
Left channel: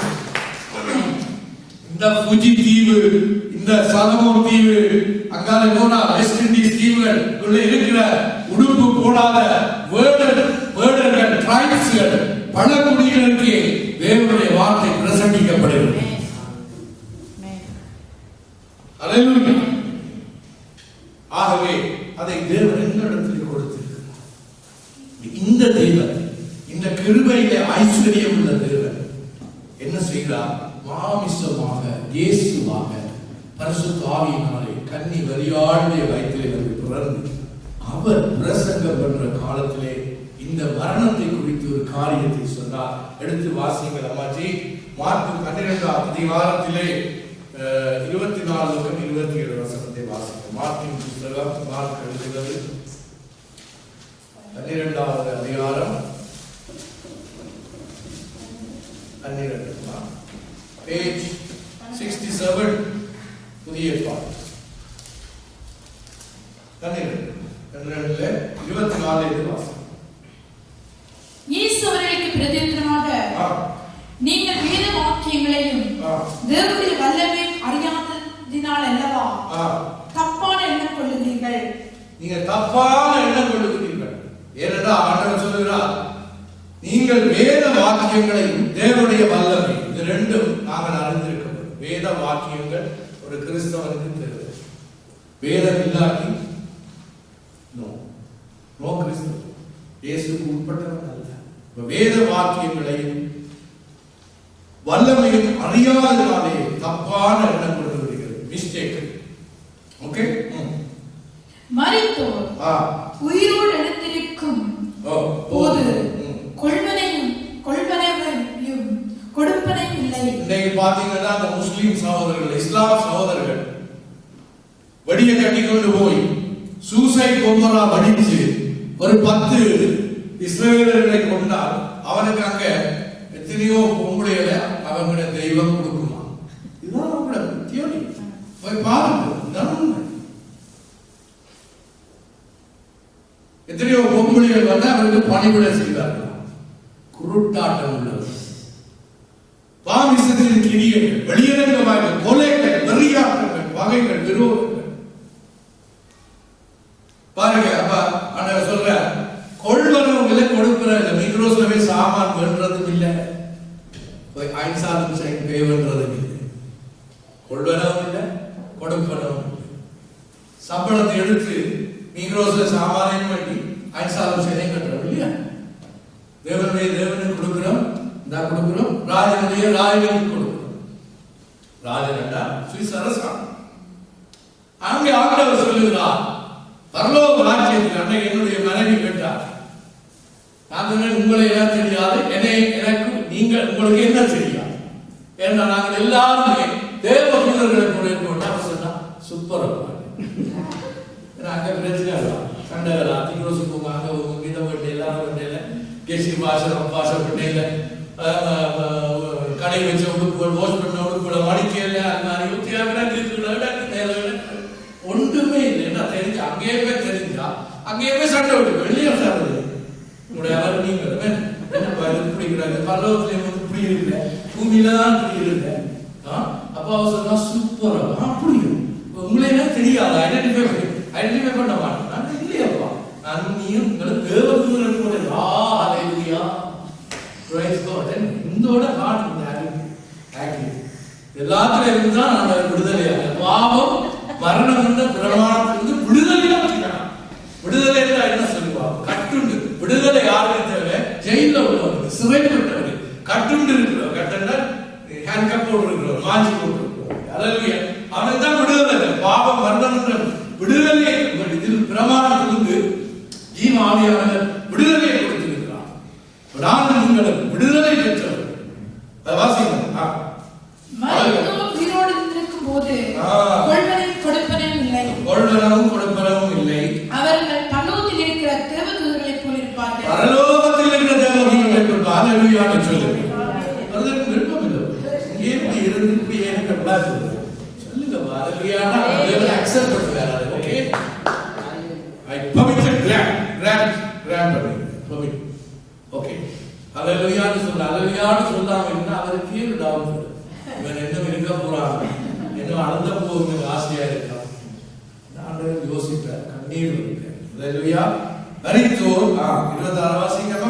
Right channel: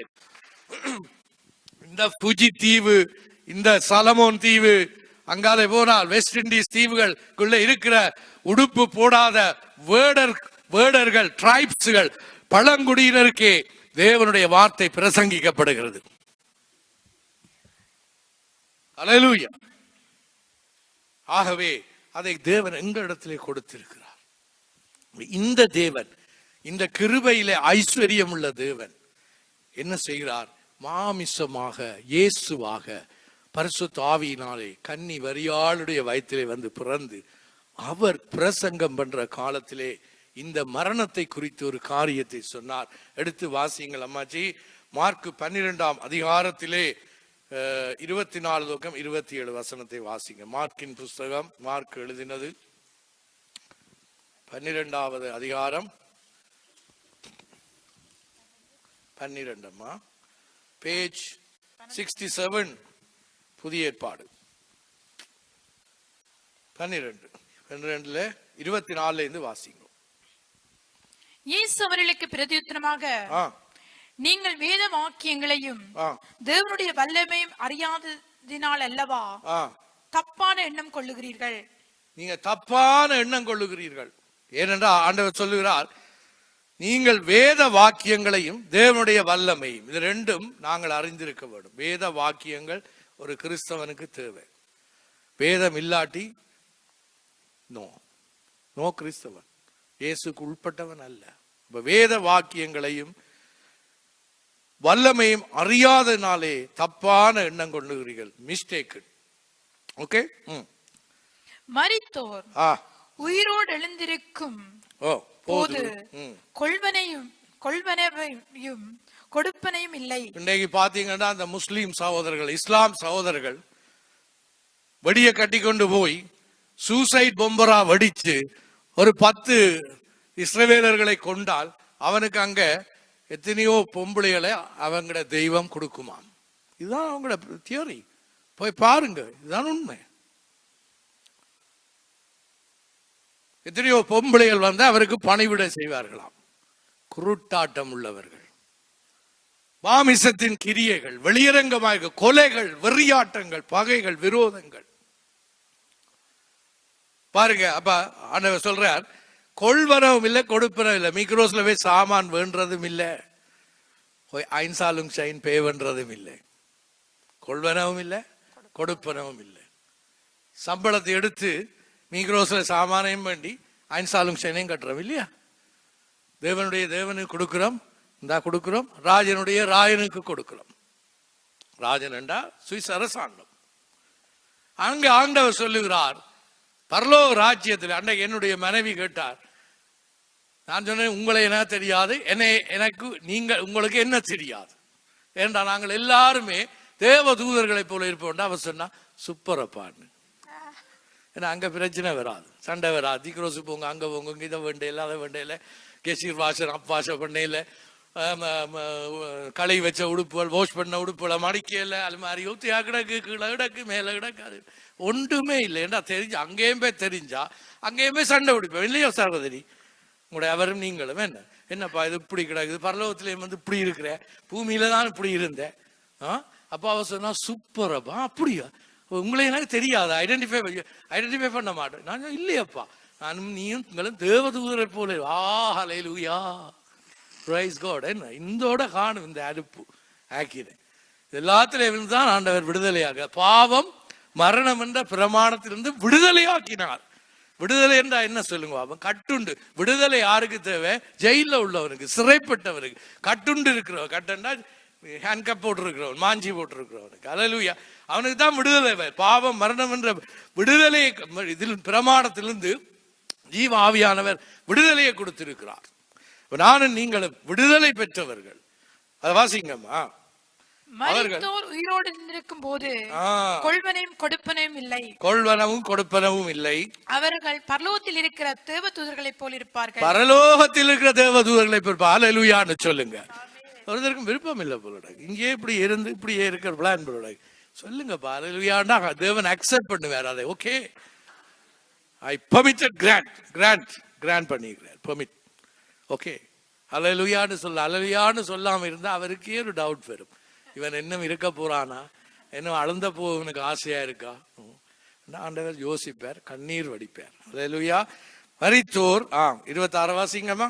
இந்த புஜி தீவு, இந்த சலமோன் தீவு, அங்காலே போனா வெஸ்ட் இண்டீஸ் தீவுகள் இருக்கிற உடுப்பு போடாத வேடர்கள், டிரைப்ஸ்கள், பழங்குடியினருக்கு தேவனுடைய வார்த்தை பிரசங்கிக்கப்படுகிறது. அல்லேலூயா. ஆகவே அதை தேவன் எங்களிடத்தில் கொடுத்திருக்கிறார். இந்த தேவன், இந்த கிருபையிலே ஐஸ்வர்யம் உள்ள தேவன் என்ன செய்கிறார்? மாமிசமாக, இயேசுவாக, பரிசுத்த ஆவியினாலே கன்னி மரியாளுடைய வயிற்றிலே வந்து பிறந்து அவர் பிரசங்கம் பண்ற காலத்திலே இந்த மரணத்தை குறித்து ஒரு காரியத்தை சொன்னார். எடுத்து வாசிங்கள் அம்மாஜி. மார்க் 12ஆம் அதிகாரத்திலே 24-27 வசனத்தை வாசிக்கும். மார்க்கின் புஸ்தகம், மார்க் எழுதுகிறது 12வது அதிகாரம் 12, பேஜ் 67, புதிய ஏற்பாடு 12:24 வாசம். இயேசு அவர்களுக்கு பிரதியுத்தரமாக, நீங்கள் வேத வாக்கியங்களையும் தேவனுடைய வல்லமையும் அறியாததினால் அல்லவா தப்பான எண்ணம் கொள்ளுகிறீர்கள். நீங்க தப்பான எண்ணம் கொள்ளுகிறீர்கள். ஏனென்றால் ஆண்டவர் சொல்லுகிறார், நீங்கள் வேத வாக்கியங்களையும் தேவனுடைய வல்லமை, இது ரெண்டும் நாங்கள் அறிந்திருக்க வேண்டும். வேத வாக்கியங்கள் ஒரு கிறிஸ்தவனுக்கு தேவை. வேதம் இல்லாட்டி நோ கிறிஸ்தவன், இயேசுக்கு உட்பட்டவன் அல்ல. வேத வாக்கியங்களையும் வல்லமையும் அறியாதனாலே தப்பான எண்ணம் கொள்ளுகிறீர்கள். மிஸ்டேக். ஓகே. மரித்தோர் உயிரோடு எழுந்திருக்கும் போது கொள்வனையும் கொடுப்பனையும் இல்லை. இன்னைக்கு பாத்தீங்கன்னா அந்த முஸ்லிம் சகோதரர்கள், இஸ்லாம் சகோதரர்கள் வெடியை கட்டி கொண்டு போய் சூசைட் பொம்பரா வடித்து ஒரு 10 இஸ்ரவேலர்களை கொண்டால் அவனுக்கு அங்க எத்தனையோ பொம்பளைகளை அவங்கள தெய்வம் கொடுக்குமா? இதுதான் நம்மளோட தியோரி. போய் பாருங்க, இதுதான் உண்மை. எத்தனையோ பொம்பளைகள் வந்து அவருக்கு பணிவிடை செய்வார்கள். குருட்டாட்டம் உள்ளவர், மாமிசத்தின் கிரியைகள், வெளியரங்கமாக கொலைகள், வெறியாட்டங்கள், பகைகள், விரோதங்கள். பாருங்க, அப்ப சொல்ற கொள்வரவும் இல்லை, கொடுப்பறவும் இல்லை. மிக்ரோஸ்ல போய் சாமான் வேண்டதும் இல்லை, போய் ஐன்சாலும் செயின் பே பண்றதும் இல்லை. கொள்வரவும் இல்லை, கொடுப்பறவும் இல்லை. சம்பளத்தை எடுத்து மிக்ரோஸ்ல சாமானையும் வேண்டி ஐன்சாலும் செயினையும் கட்டுறோம் இல்லையா? தேவனுக்கு கொடுக்கிறோம், நான் கொடுக்கிறோம். ராஜனுக்கு கொடுக்கிறோம். ராஜனா சுவிஸ் அரசாங்கம். அங்கே ஆண்டவர் சொல்லுகிறார், பரலோக ராஜ்யத்தில். அன்றைக்கு என்னுடைய மனைவி கேட்டார், நான் சொன்னேன், உங்களை என்ன தெரியாது, எனக்கு உங்களுக்கு என்ன தெரியாது? ஏன்னா நாங்கள் எல்லாருமே தேவ தூதர்களை போல இருக்கோம். அவன் சொன்னா சூப்பர். ஏன்னா அங்க பிரச்சனை வரும், சண்டை வரா. திக்ரோசு போங்க, அங்க போங்க, இதை வெட்டையில அதை வெட்டையில, கெசி பாஷப்பட்டையில, கடை வச்ச உடுப்புகள், வாஷ் பண்ண உடுப்புகளை மடிக்கல, அந்த மாதிரி மேல ஒன்றுமே இல்லை. என்ன தெரிஞ்சு அங்கேயே போய் தெரிஞ்சு அங்கே போய் சண்டை விட்டு வெளியே சாப்பிடுது உங்களுடைய அவர் நீங்கள் என்னப்பா இது இப்படி கிடக்குது, பரலோகத்துல வந்து இப்படி இருக்கிற, பூமியில தான் இப்படி இருந்த. அப்பா சொன்னா சூப்பரா அப்படி உங்களே எனக்கு தெரியாது, ஐடென்டிஃபை பண்ண மாட்டேன். நான் இல்லையாப்பா, நீயும் உங்களை தேவதூதன் போல. ஹல்லேலூயா, பிரைஸ் காட். இந்தோட காணும் எல்லாத்திலும் தான் ஆண்டவர் விடுதலையாக பாவம் மரணம் என்ற பிரமாணத்திலிருந்து விடுதலையாக்கினார். விடுதலை என்றால் என்ன சொல்லுவாங்க? கட்டுண்டு. விடுதலை யாருக்கு தேவை? ஜெயில உள்ளவருக்கு, சிறைப்பட்டவருக்கு, கட்டுண்டு இருக்கிறவர், கட்டண ஹேண்ட்கப் போட்டு இருக்கிறவர், மாஞ்சி போட்டு இருக்கிறவர். ஹல்லேலூயா, அவனுக்கு தான் விடுதலை இல்லை. பாவம் மரணம் என்ற விடுதலை இதில் பிரமாணத்திலிருந்து ஜீவ ஆவியானவர் விடுதலையை கொடுத்திருக்கிறார். நானும் நீங்களும் விடுதலை பெற்றவர். அதை வாசிக்கணும். உயிரோடு இருக்கும் போது கொள்வனும் கொடுப்பனும் இல்லை, கொள்வனவும் கொடுப்பனவும் இல்லை. அவர்கள் பரலோகத்தில் இருக்கிற தேவதூதர்களைப் போல் இருப்பார்கள். பரலோகத்தில் இருக்கிற தேவதூதர்களைப் போல். ஹல்லேலூயா சொல்லுங்க. அவர்களுக்கு விருப்பம் இல்லை, இங்கே இப்படி இருந்து இப்படியே இருக்கிற பிளான் சொல்லுங்க. ஹல்லேலூயானா தேவன் அக்செப்ட் பண்ணுவார். ஓகே, ஐ பர்மிட் கிராண்ட் பண்ணுங்க, பர்மிட். ஓகே, ஹல்லேலூயான்னு சொல்ல, ஹல்லேலூயான்னு சொல்லாம இருந்தா அவருக்கு ஒரு டவுட் வரும். இன்னும் இருக்க போறாங்க, இன்னும் அளந்த போகுது ஆசையா இருக்கா? நான் யோசிப்பேன், கண்ணீர் வலிப்பேன். ஹல்லேலூயா. மரித்தோர் 26 வாசிக்கமா?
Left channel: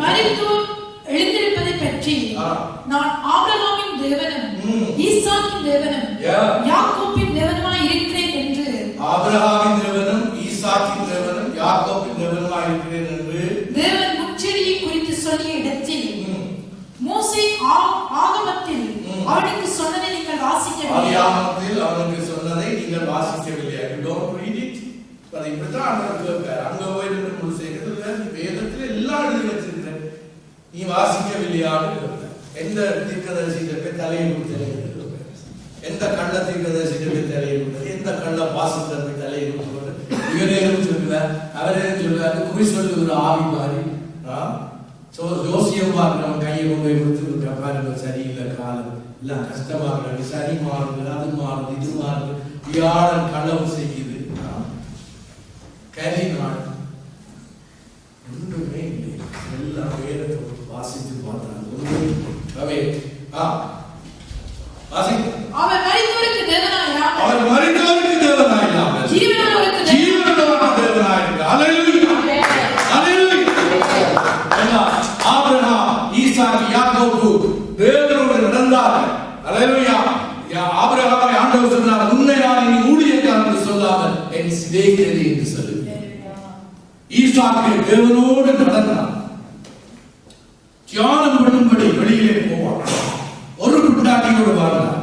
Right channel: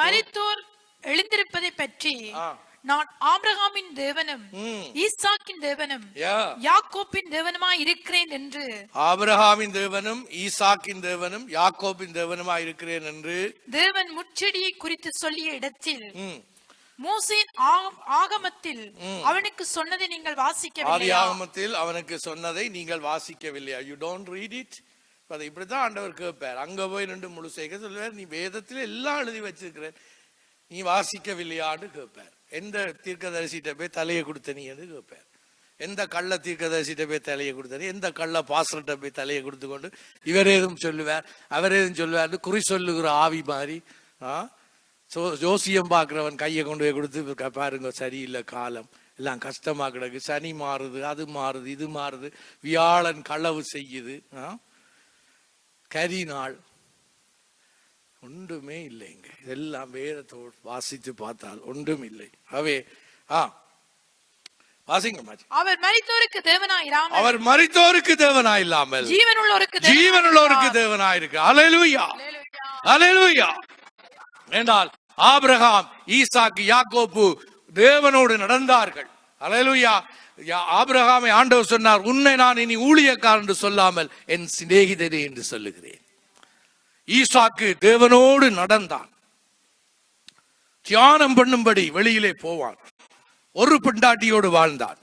மரித்தோர் எழுந்திருப்பதை பற்றி நான் ஆபிரகாமின் தேவனும் ஈசாக்கின் தேவனும் யாக்கோபின் தேவனுமாய் இருக்கிறேன் என்று. ஆபிரகாமின் தேவனும் ஈசாக்கின் தேவனும் யாக்கோபின் தேவனுமாய் இருக்கிறேன் என்று தேவன் முச்செடியை குறித்து சொல்லிய இடத்தில் மோசே ஆகமத்தில் அவனுக்கு சொன்னதை நீங்கள் வாசிக்கவில்லை. ஆகமத்தில் அவனுக்கு சொன்னதை நீங்கள் வாசிக்கவில்லை. You don't read it. அது இப்படிதான் ஆண்டவருக்கு பேர். அங்க போய் நின்று முழு செய்கிறது வேதத்தில் எல்லாம் எழுதி வச்சிருக்கிறேன், நீ வாசிக்கவில்லையான்னு. எந்த தீர்க்கதரிசிட்ட போய் தலையை கொடுத்த நீ, எந்த கள்ள தீர்க்கதரிசிட்ட போய் தலையை கொடுத்தாரு, எந்த கள்ள பாஸ்டர்கிட்ட போய் தலையை கொடுத்து கொண்டு இவர் எதுவும் சொல்லுவார் அவர் எதுவும் சொல்லுவார், குறி சொல்லுகிற ஆவி மாதிரி. ஜோசியம் பார்க்கிறவன் கையை கொண்டு போய் கொடுத்து பாருங்க, சரியில்லை காலம் எல்லாம் கஷ்டமாக்குறது, சனி மாறுது, அது மாறுது, இது மாறுது, வியாழன் களவு செய்யுது, கரி நாடு ஒன்றுமே இல்லை. எல்லாம் வேறு வாசித்து பார்த்தாங்க, ஒன்றுமே அவே அவர் மரித்தோருக்கு தேவனாயில்லாமல் ஜீவனுள்ளவருக்கு தேவனாயிருக்கு. ஹல்லேலூயா, ஹல்லேலூயா. ஆபிரகாம், ஈசாக்கு, யாக்கோபு தேவனோடு நடந்தார்கள். ஹல்லேலூயா. ஆபிரகாமை ஆண்டவர் சொன்னார், உன்னை நான் இனி ஊழியக்காரன் என்று சொல்லாமல் என் சிநேகிதனே என்று சொல்லுவேன். ஈசாக்கு தேவனோடு நடந்தான். தியானம் பண்ணும்படி வெளியிலே போவான். ஒரு பிட்டாட்டியோடு வாழ்ந்தான்.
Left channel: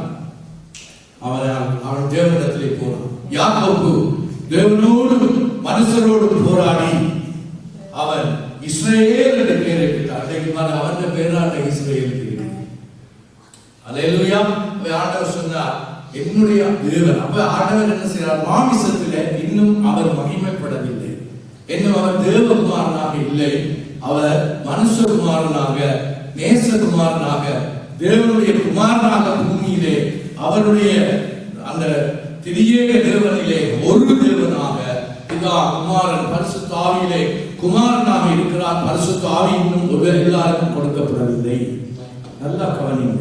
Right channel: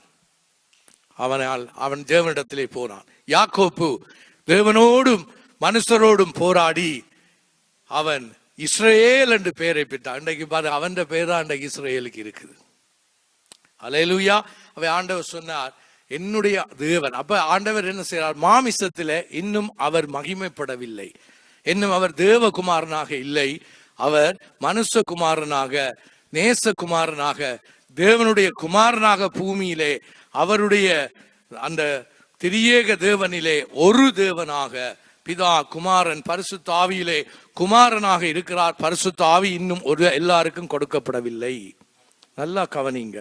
அவன் தேவனிடத்திலே போனான். யாக்கோபு தேவனோடும் மனுஷரோடும் போராடி அவன் இஸ்ரவேல் என்று பெயரை பெற்றான். அன்றைக்கு பாரு, அவன் பேரா அன்றைக்கு இஸ்ரவேலுக்கு இருக்கு. ஹல்லேலூயா. ஆண்டவர் சொன்னார், என்னுடைய தேவன். அப்ப ஆண்டவர் என்ன செய்யறார்? மாமிசத்திலே இன்னும் அவர் மகிமைப்படவில்லை, இன்னும் அவர் தேவகுமாரனாக இல்லை, அவர் மனுஷகுமாரனாக, நேசகுமாரனாக, தேவனுடைய குமாரனாக பூமியிலே அவருடைய அந்த திரியேக தேவனிலே ஒரு தேவனாக பிதா, குமாரன், பரிசுத்த ஆவியிலே குமாரனாக இருக்கிறார். பரிசுத்த ஆவி இன்னும் ஒரு எல்லாருக்கும் கொடுக்கப்படவில்லை. நல்லா கவனிங்க.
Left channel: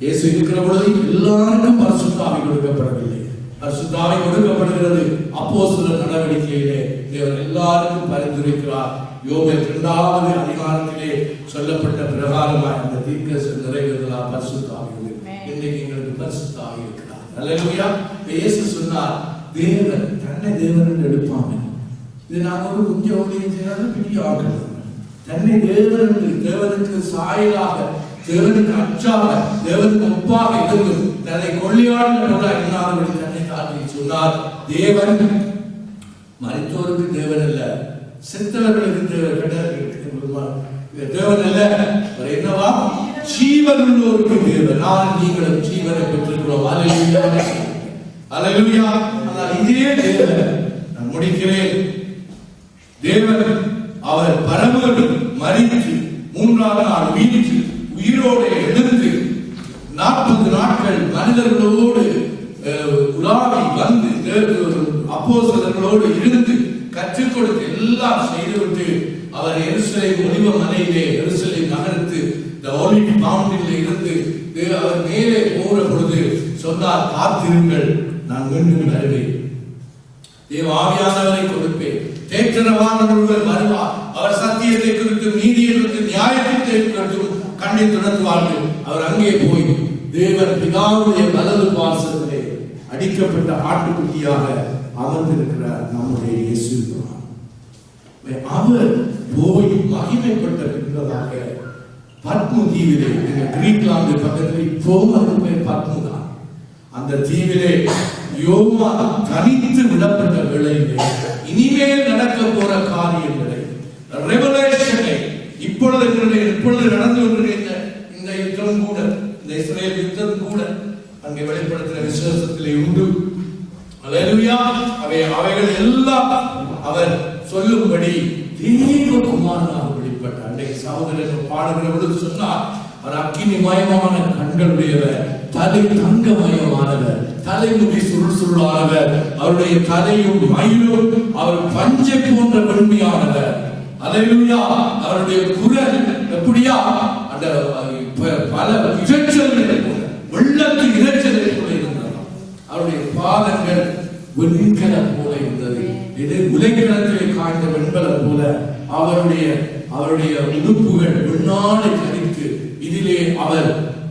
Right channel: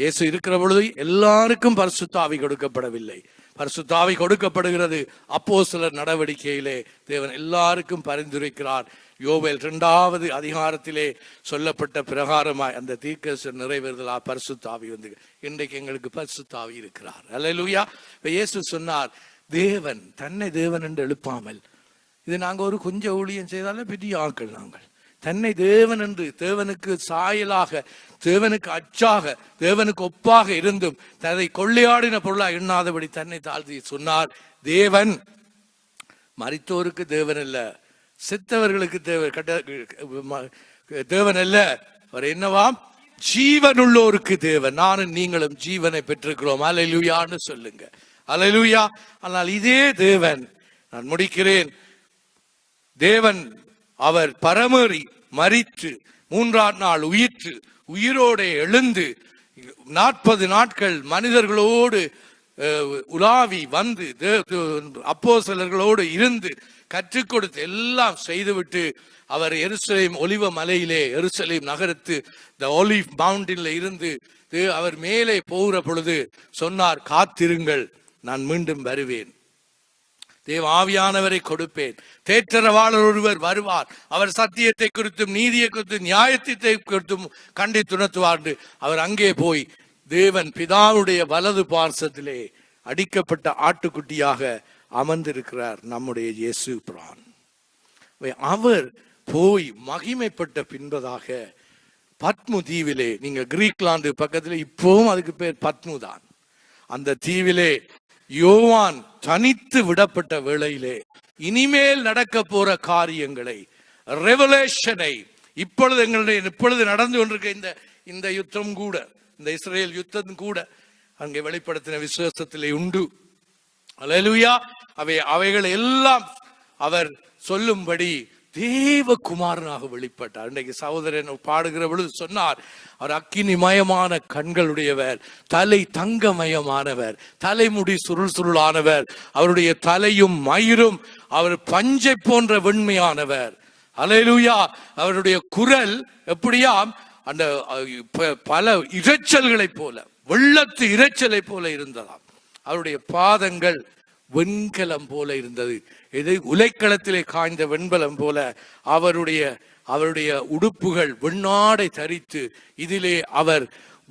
இயேசு இருக்கிற பொழுது எல்லாருக்கும் பரிசுத்த ஆவி கொடுக்கப்படவில்லை. பரிசுத்த ஆவி கொடுக்கப்படுகிறது அப்போஸ்தலர் நடவடிக்கையிலே. தேவன் எல்லாருக்கும் பரிந்துரைக்கிறார். யோவேல் 2வது அதிகாரத்திலே சொல்லப்பட்ட பிரகாரமாய் இந்த தீர்க்க நிறைவேறலாம். பரிசுத்த ஆவி வந்து இன்னைக்கு எங்களுக்கு பரிசுத்த ஆவி இருக்கிறார். ஹல்லேலூயா. இயேசு சொன்னார், தேவன் தன்னை தேவன் என்று எடுப்பாமல், இது நாங்கள் ஒரு கொஞ்சம் ஊழியம் செய்தாலும் பெரிய ஆக்கள், தன்னை தேவன் என்று, தேவனுக்கு சாயலாக, தேவனுக்கு அச்சாக, தேவனுக்கு ஒப்பாக இருந்து தன்னை கொள்ளையாடின பொருளா எண்ணாதபடி தன்னை தாழ்த்தி சொன்னார். தேவன் மரித்தோருக்கு தேவன் அல்ல, செத்தவர்களுக்கு தேவன் அல்ல, அவர் என்னவா? ஜீவனுள்ளோருக்கு தேவன். நானும் நீங்களும் ஜீவனை பெற்றிருக்கிறோம். ஹல்லேலூயா, ஹல்லேலூயா. ஆனால் இதே தேவன், நான் முடிக்கிறேன், தேவன் அவர் பரமேறி மரித்து 3ஆம் நாள் உயிர்த்து உயிரோடு எழுந்து 40 நாட்கள் மனிதர்களோடு உலாவி வந்து அப்போஸ்தலர்களோடு இருந்து கற்றுக் கொடுத்து எல்லாம் செய்துவிட்டு அவர் எருசலேம் ஒலிவ மலையிலே எருசலேம் நகரத்து ஒலிவ் மவுண்டில் இருந்து அவர் மேலே போகிற பொழுது சொன்னார், காத்திருங்கள், நான் மீண்டும் வருவேன், தேவ ஆவியானவரை கொடுப்பேன், தேற்றரவாளர் ஒருவர் வருவார், அவர் சத்தியத்தை குறித்தும் நீதியை குறித்தும் நியாயத்தை குறித்தும் கண்டித்துணர்த்துவார்கள். அவர் அங்கே போய் தேவன் பிதாவுடைய வலது பார்சத்திலே அடிக்கப்பட்ட ஆட்டுக்குட்டியாக அமர்ந்திருக்கிறார் நம்முடைய இயேசு பிரான். அவர் போய் மகிமைப்பட்ட பின்பதாக பத்மு தீவிலே, நீங்க கிரீக்லாந்து பக்கத்தில் இப்போவும் அதுக்கு பேர் பத்மு தான், அந்த தீவிலே யோவான் தனித்து விடப்பட்ட வேளையிலே இனிமேல் நடக்க போற காரியங்களை, ரெவலேஷனை, இப்பொழுது நடந்து கொண்டிருக்கிற இந்த யுத்தம் கூட, இந்த இஸ்ரேல் யுத்தம் கூட அங்கே வெளிப்படுத்தின விசுவாசத்திலே உண்டு. அல்லேலூயா. அவைகள் எல்லாம் அவர் சொல்லும்படி தேவகுமாரனாக வெளிப்பட்டார். அன்றைக்கு சகோதரன் பாடுகிற பொழுது சொன்னார், அவர் அக்கினிமயமான கண்களுடையவர், தலை தங்கமயமானவர், தலைமுடி சுருள் சுருளானவர், அவருடைய தலையும் மயிரும் அவர் பஞ்சை போன்ற வெண்மையானவர். அல்லேலூயா. அவருடைய குரல் எப்படியா, அந்த பல இரைச்சல்களை போல, வெள்ளத்து இரைச்சலை போல இருந்தது. அவருடைய பாதங்கள் வெண்கலம் போல இருந்தது, இது உலைக்களத்திலே காய்ந்த வெண்கலம் போல. அவருடைய உடுப்புகள் வெண்ணாடை தரித்து, இதிலே அவர்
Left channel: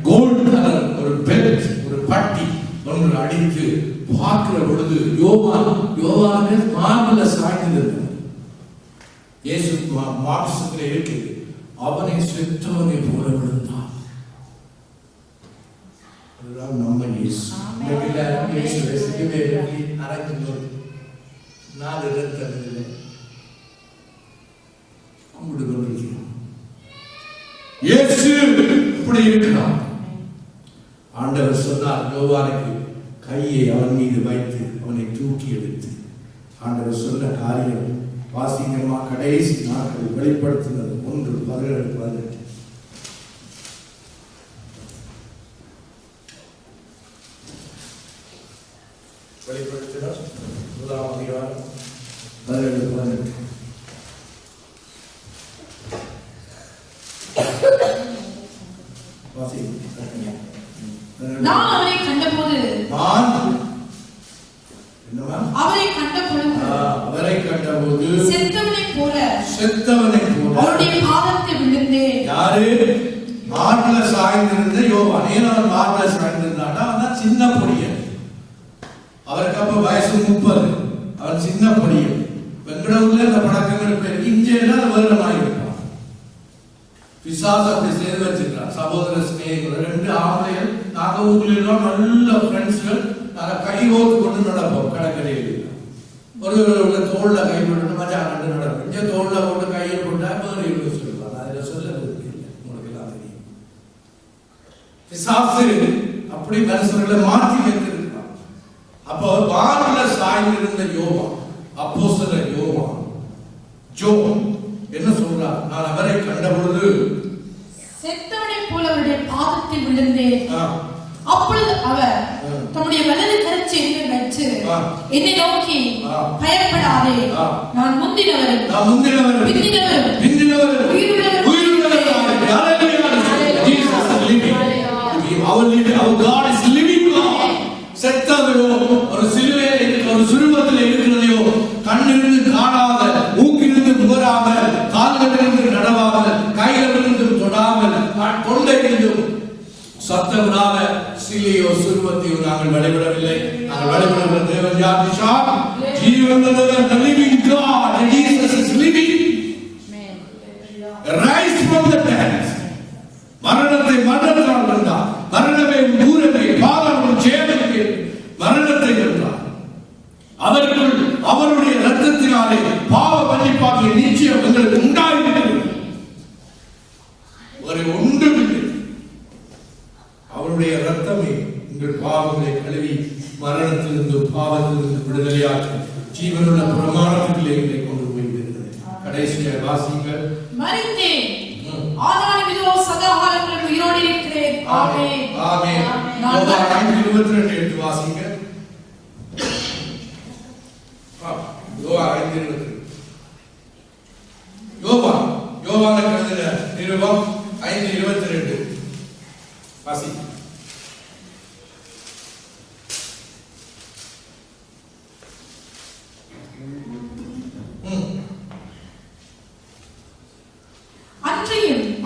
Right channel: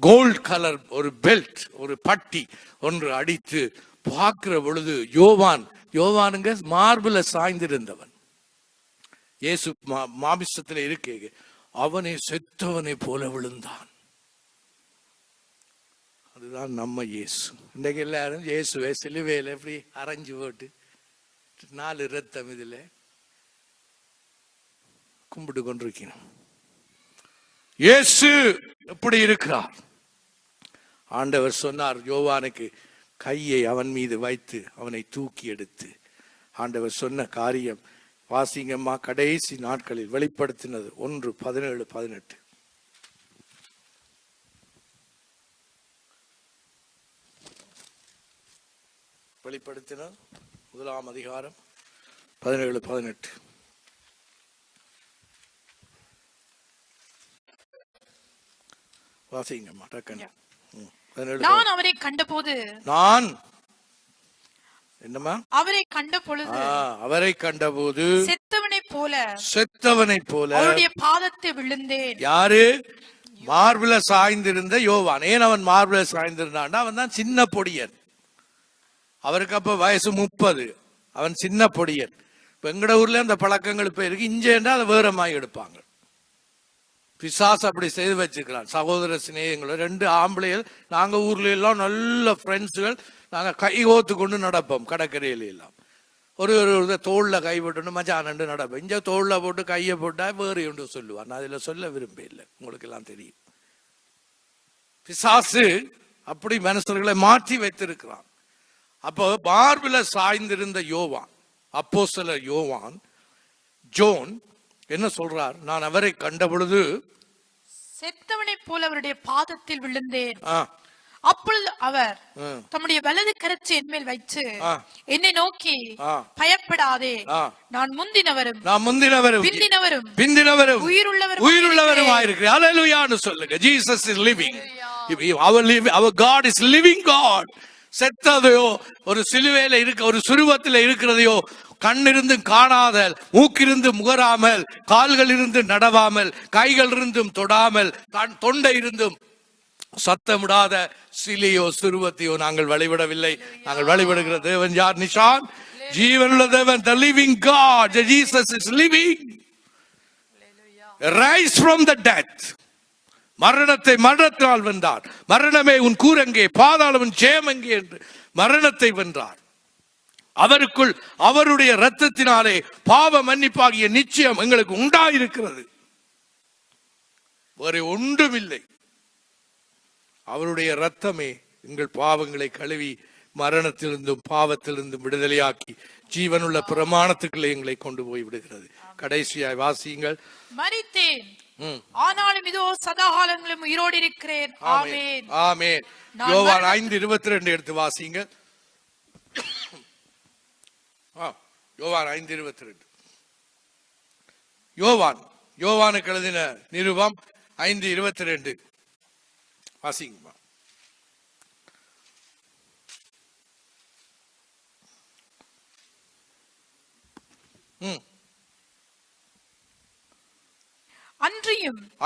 கோல்ட் கலர் ஒரு பெல்ட், ஒரு பட்டி ஒன்று அடித்து பார்க்கிற பொழுது யோவானுக்கு மார்பில சாய்ந்திருந்தவர். இயேசு மாமிசத்திலே இருக்கு, அவனை செத்தவனை போல விழுந்தான். அதுதான் நம்ம இயேசு. இயேசுவை சிலுவையில் அரைத்து போட்டு 4 ரத்தங்களிலே கும்பிட்டு கொண்டிருக்கிறோம். இயேசு இப்படி இருக்கிறார். ஆண்டவர் சொன்னார் யோவானுக்கு, கையை அவன் மீது வைத்து அவனை தூக்கி எடுத்து. ஆண்டவர் சொன்ன காரியம் வாசிங்கம்மா, கடைசி நாட்களில் வெளிப்படுத்தினது 1:17-18. வெளிப்படுத்தினார் 1ஆம் அதிகாரம் 17-18. நான் அவரை கண்டபோது செத்தவனை போல அவருடைய பாதத்தில் விழுந்தேன். யாரு? மார்பில சாய்ந்திருந்த யோவான். ஏன் அவன் மார்பில சாய்ந்திருந்தான்னா, அவன் தான் சின்ன பொடியன். அவருக்கு அப்ப வயசு 30. அவன் சின்ன பொடியன். எங்கட ஊர்ல அந்த பழக்கங்கள் போயிருக்கு. இஞ்சேன்னா அது வேற மாதிரி இருப்பான். பிசாசு அப்படி செய்து வச்சுக்கிறான். சகோதர சிநேகங்கள் 2 ஆம்பளைகள். நாங்க ஊர்ல எல்லாம் நல்ல ஃப்ரெண்ட்ஸ்கள். நாங்க கை ஓத்து கொண்டு நடப்போம் கடற்கரையில். ஒரு தோல்ல கை போட்டு மஜா நண்டு நடப்போம். இங்க தோல்ல போட்டு கையை போட்டா வேறு எப்படி சொல்லுவாங்க. அதில் சொல்ல விரும்பி இல்லை, உங்களுக்கு எல்லாம் தெரியும். பிசாசு அப்படி மனுஷர்களை மாற்றி வைத்திருக்கிறான். அப்போ மார்பில சாய்ந்திருந்த யோவான், அப்போஸ்தலர் யோவான் என்ன சொல்றார்? நான் அவரை கண்ட பொழுது செத்தவனை போல அவருடைய பாதத்தில் விழுந்தேன். அப்பொழுது அவர் தம்முடைய வலது கரச்செய்தியை வைத்து என்னை நோக்கி, பயப்படாதே, நான் முந்தினவரும் பிந்தினவரும் உயிருள்ளவருமாயிருக்கிறேன். ஹல்லேலூயா. Jesus is living. Our God is living God. செத்ததையோ ஒரு சிலுவையில இருக்க ஒரு சுருவத்தில் இருக்கிறதையோ கண்ணிருந்து காணாத, மூக்கிருந்து முகராமல், கால்கள் இருந்து நடவாமல், கைகள் இருந்தும் தொடாமல், கொண்டையிருந்தும் சத்தமிடாத சிலையோ சுருவத்தையோ நாங்கள் வழிபடவில்லை. நாங்கள் வழிபடுகிற தேவன் யார்? நிஷா, ஜீவனுள்ள தேவன், the living God. Jesus is living. Rise from the dead. மரணத்தை மரணத்தால் வென்றார். மரணமே உன் கூரங்கே, பாதாளம் உன் ஜெயமெங்கே. மரணத்தை வென்றார். அவருக்குள் அவருடைய இரத்தத்தினாலே பாவ மன்னிப்பாகிய நிச்சயம் எங்களுக்கு உண்டாயிருக்கிறது. ஒரு ஒன்றுமில்லை. அவருடைய இரத்தமே உங்கள் பாவங்களை கழுவி மரணத்திலிருந்து பாவத்திலிருந்து விடுதலையாக்கி ஜீவனுள்ள பிரமாணத்துக்குள்ளே எங்களை கொண்டு போய் விடுகிறது. கடைசியாக வாசிங்கள். மரித்தேன், ஆனாலும் இதோ சதா காலங்களுக்கு உயிரோடு இருக்கிறேன். ஆமென். ஆமென். யோவான் 5:22 எடுத்து வாசிங்க. யோவானுக்கு எழுதின நிருபம் 5:22 வாசி.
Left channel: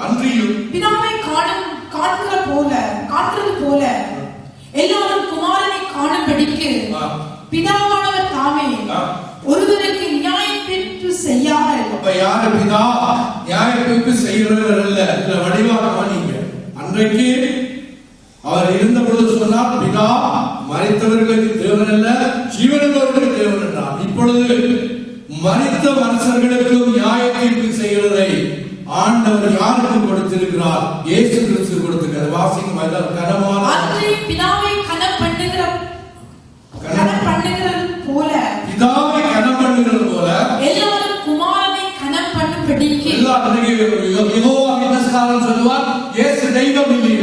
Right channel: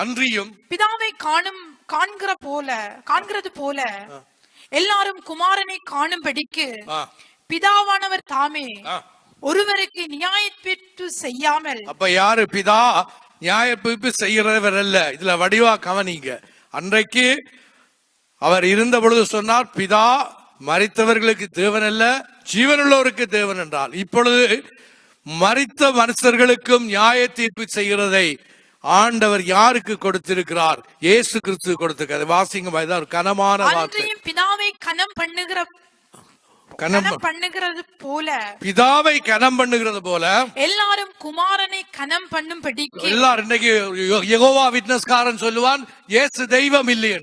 அன்றியும் பிதாவை காண்கிறது போல எல்லாரும் குமாரனை காணும்படிக்கு பிதாவானவர் தாமே ஒருவருக்கு நியாயம் பெற்று செய்யாமல். அப்ப யாரு பிதா? நியாயம் பெற்று செய்கிறவர் இல்ல. வடிவா கவனிங்க. அன்றைக்கு அவர் இருந்த பொழுது சொன்னார், பிதா மரித்தவர்களுக்கு தேவன் அல்ல, ஜீவனுள்ளவருக்கு தேவன் என்றார். இப்பொழுது மரித்த மனுஷர்களுக்கும் நியாய தீர்ப்பு செய்கிறதை ஆண்டவர் யாருக்கு கொடுத்திருக்கிறார்? இயேசு கிறிஸ்து கொடுத்திருக்கிறார். வாசிங்க. கனமான பிதாவை கனம் பண்ணுகிறது போல எல்லாரும் குமாரனை கனம் பண்ணும்படிக்கு. எல்லாரும் இன்னைக்கு யெகோவா விட்னஸ்காரன் சொல்லுவார், இயேசு தெய்வம் இல்லை.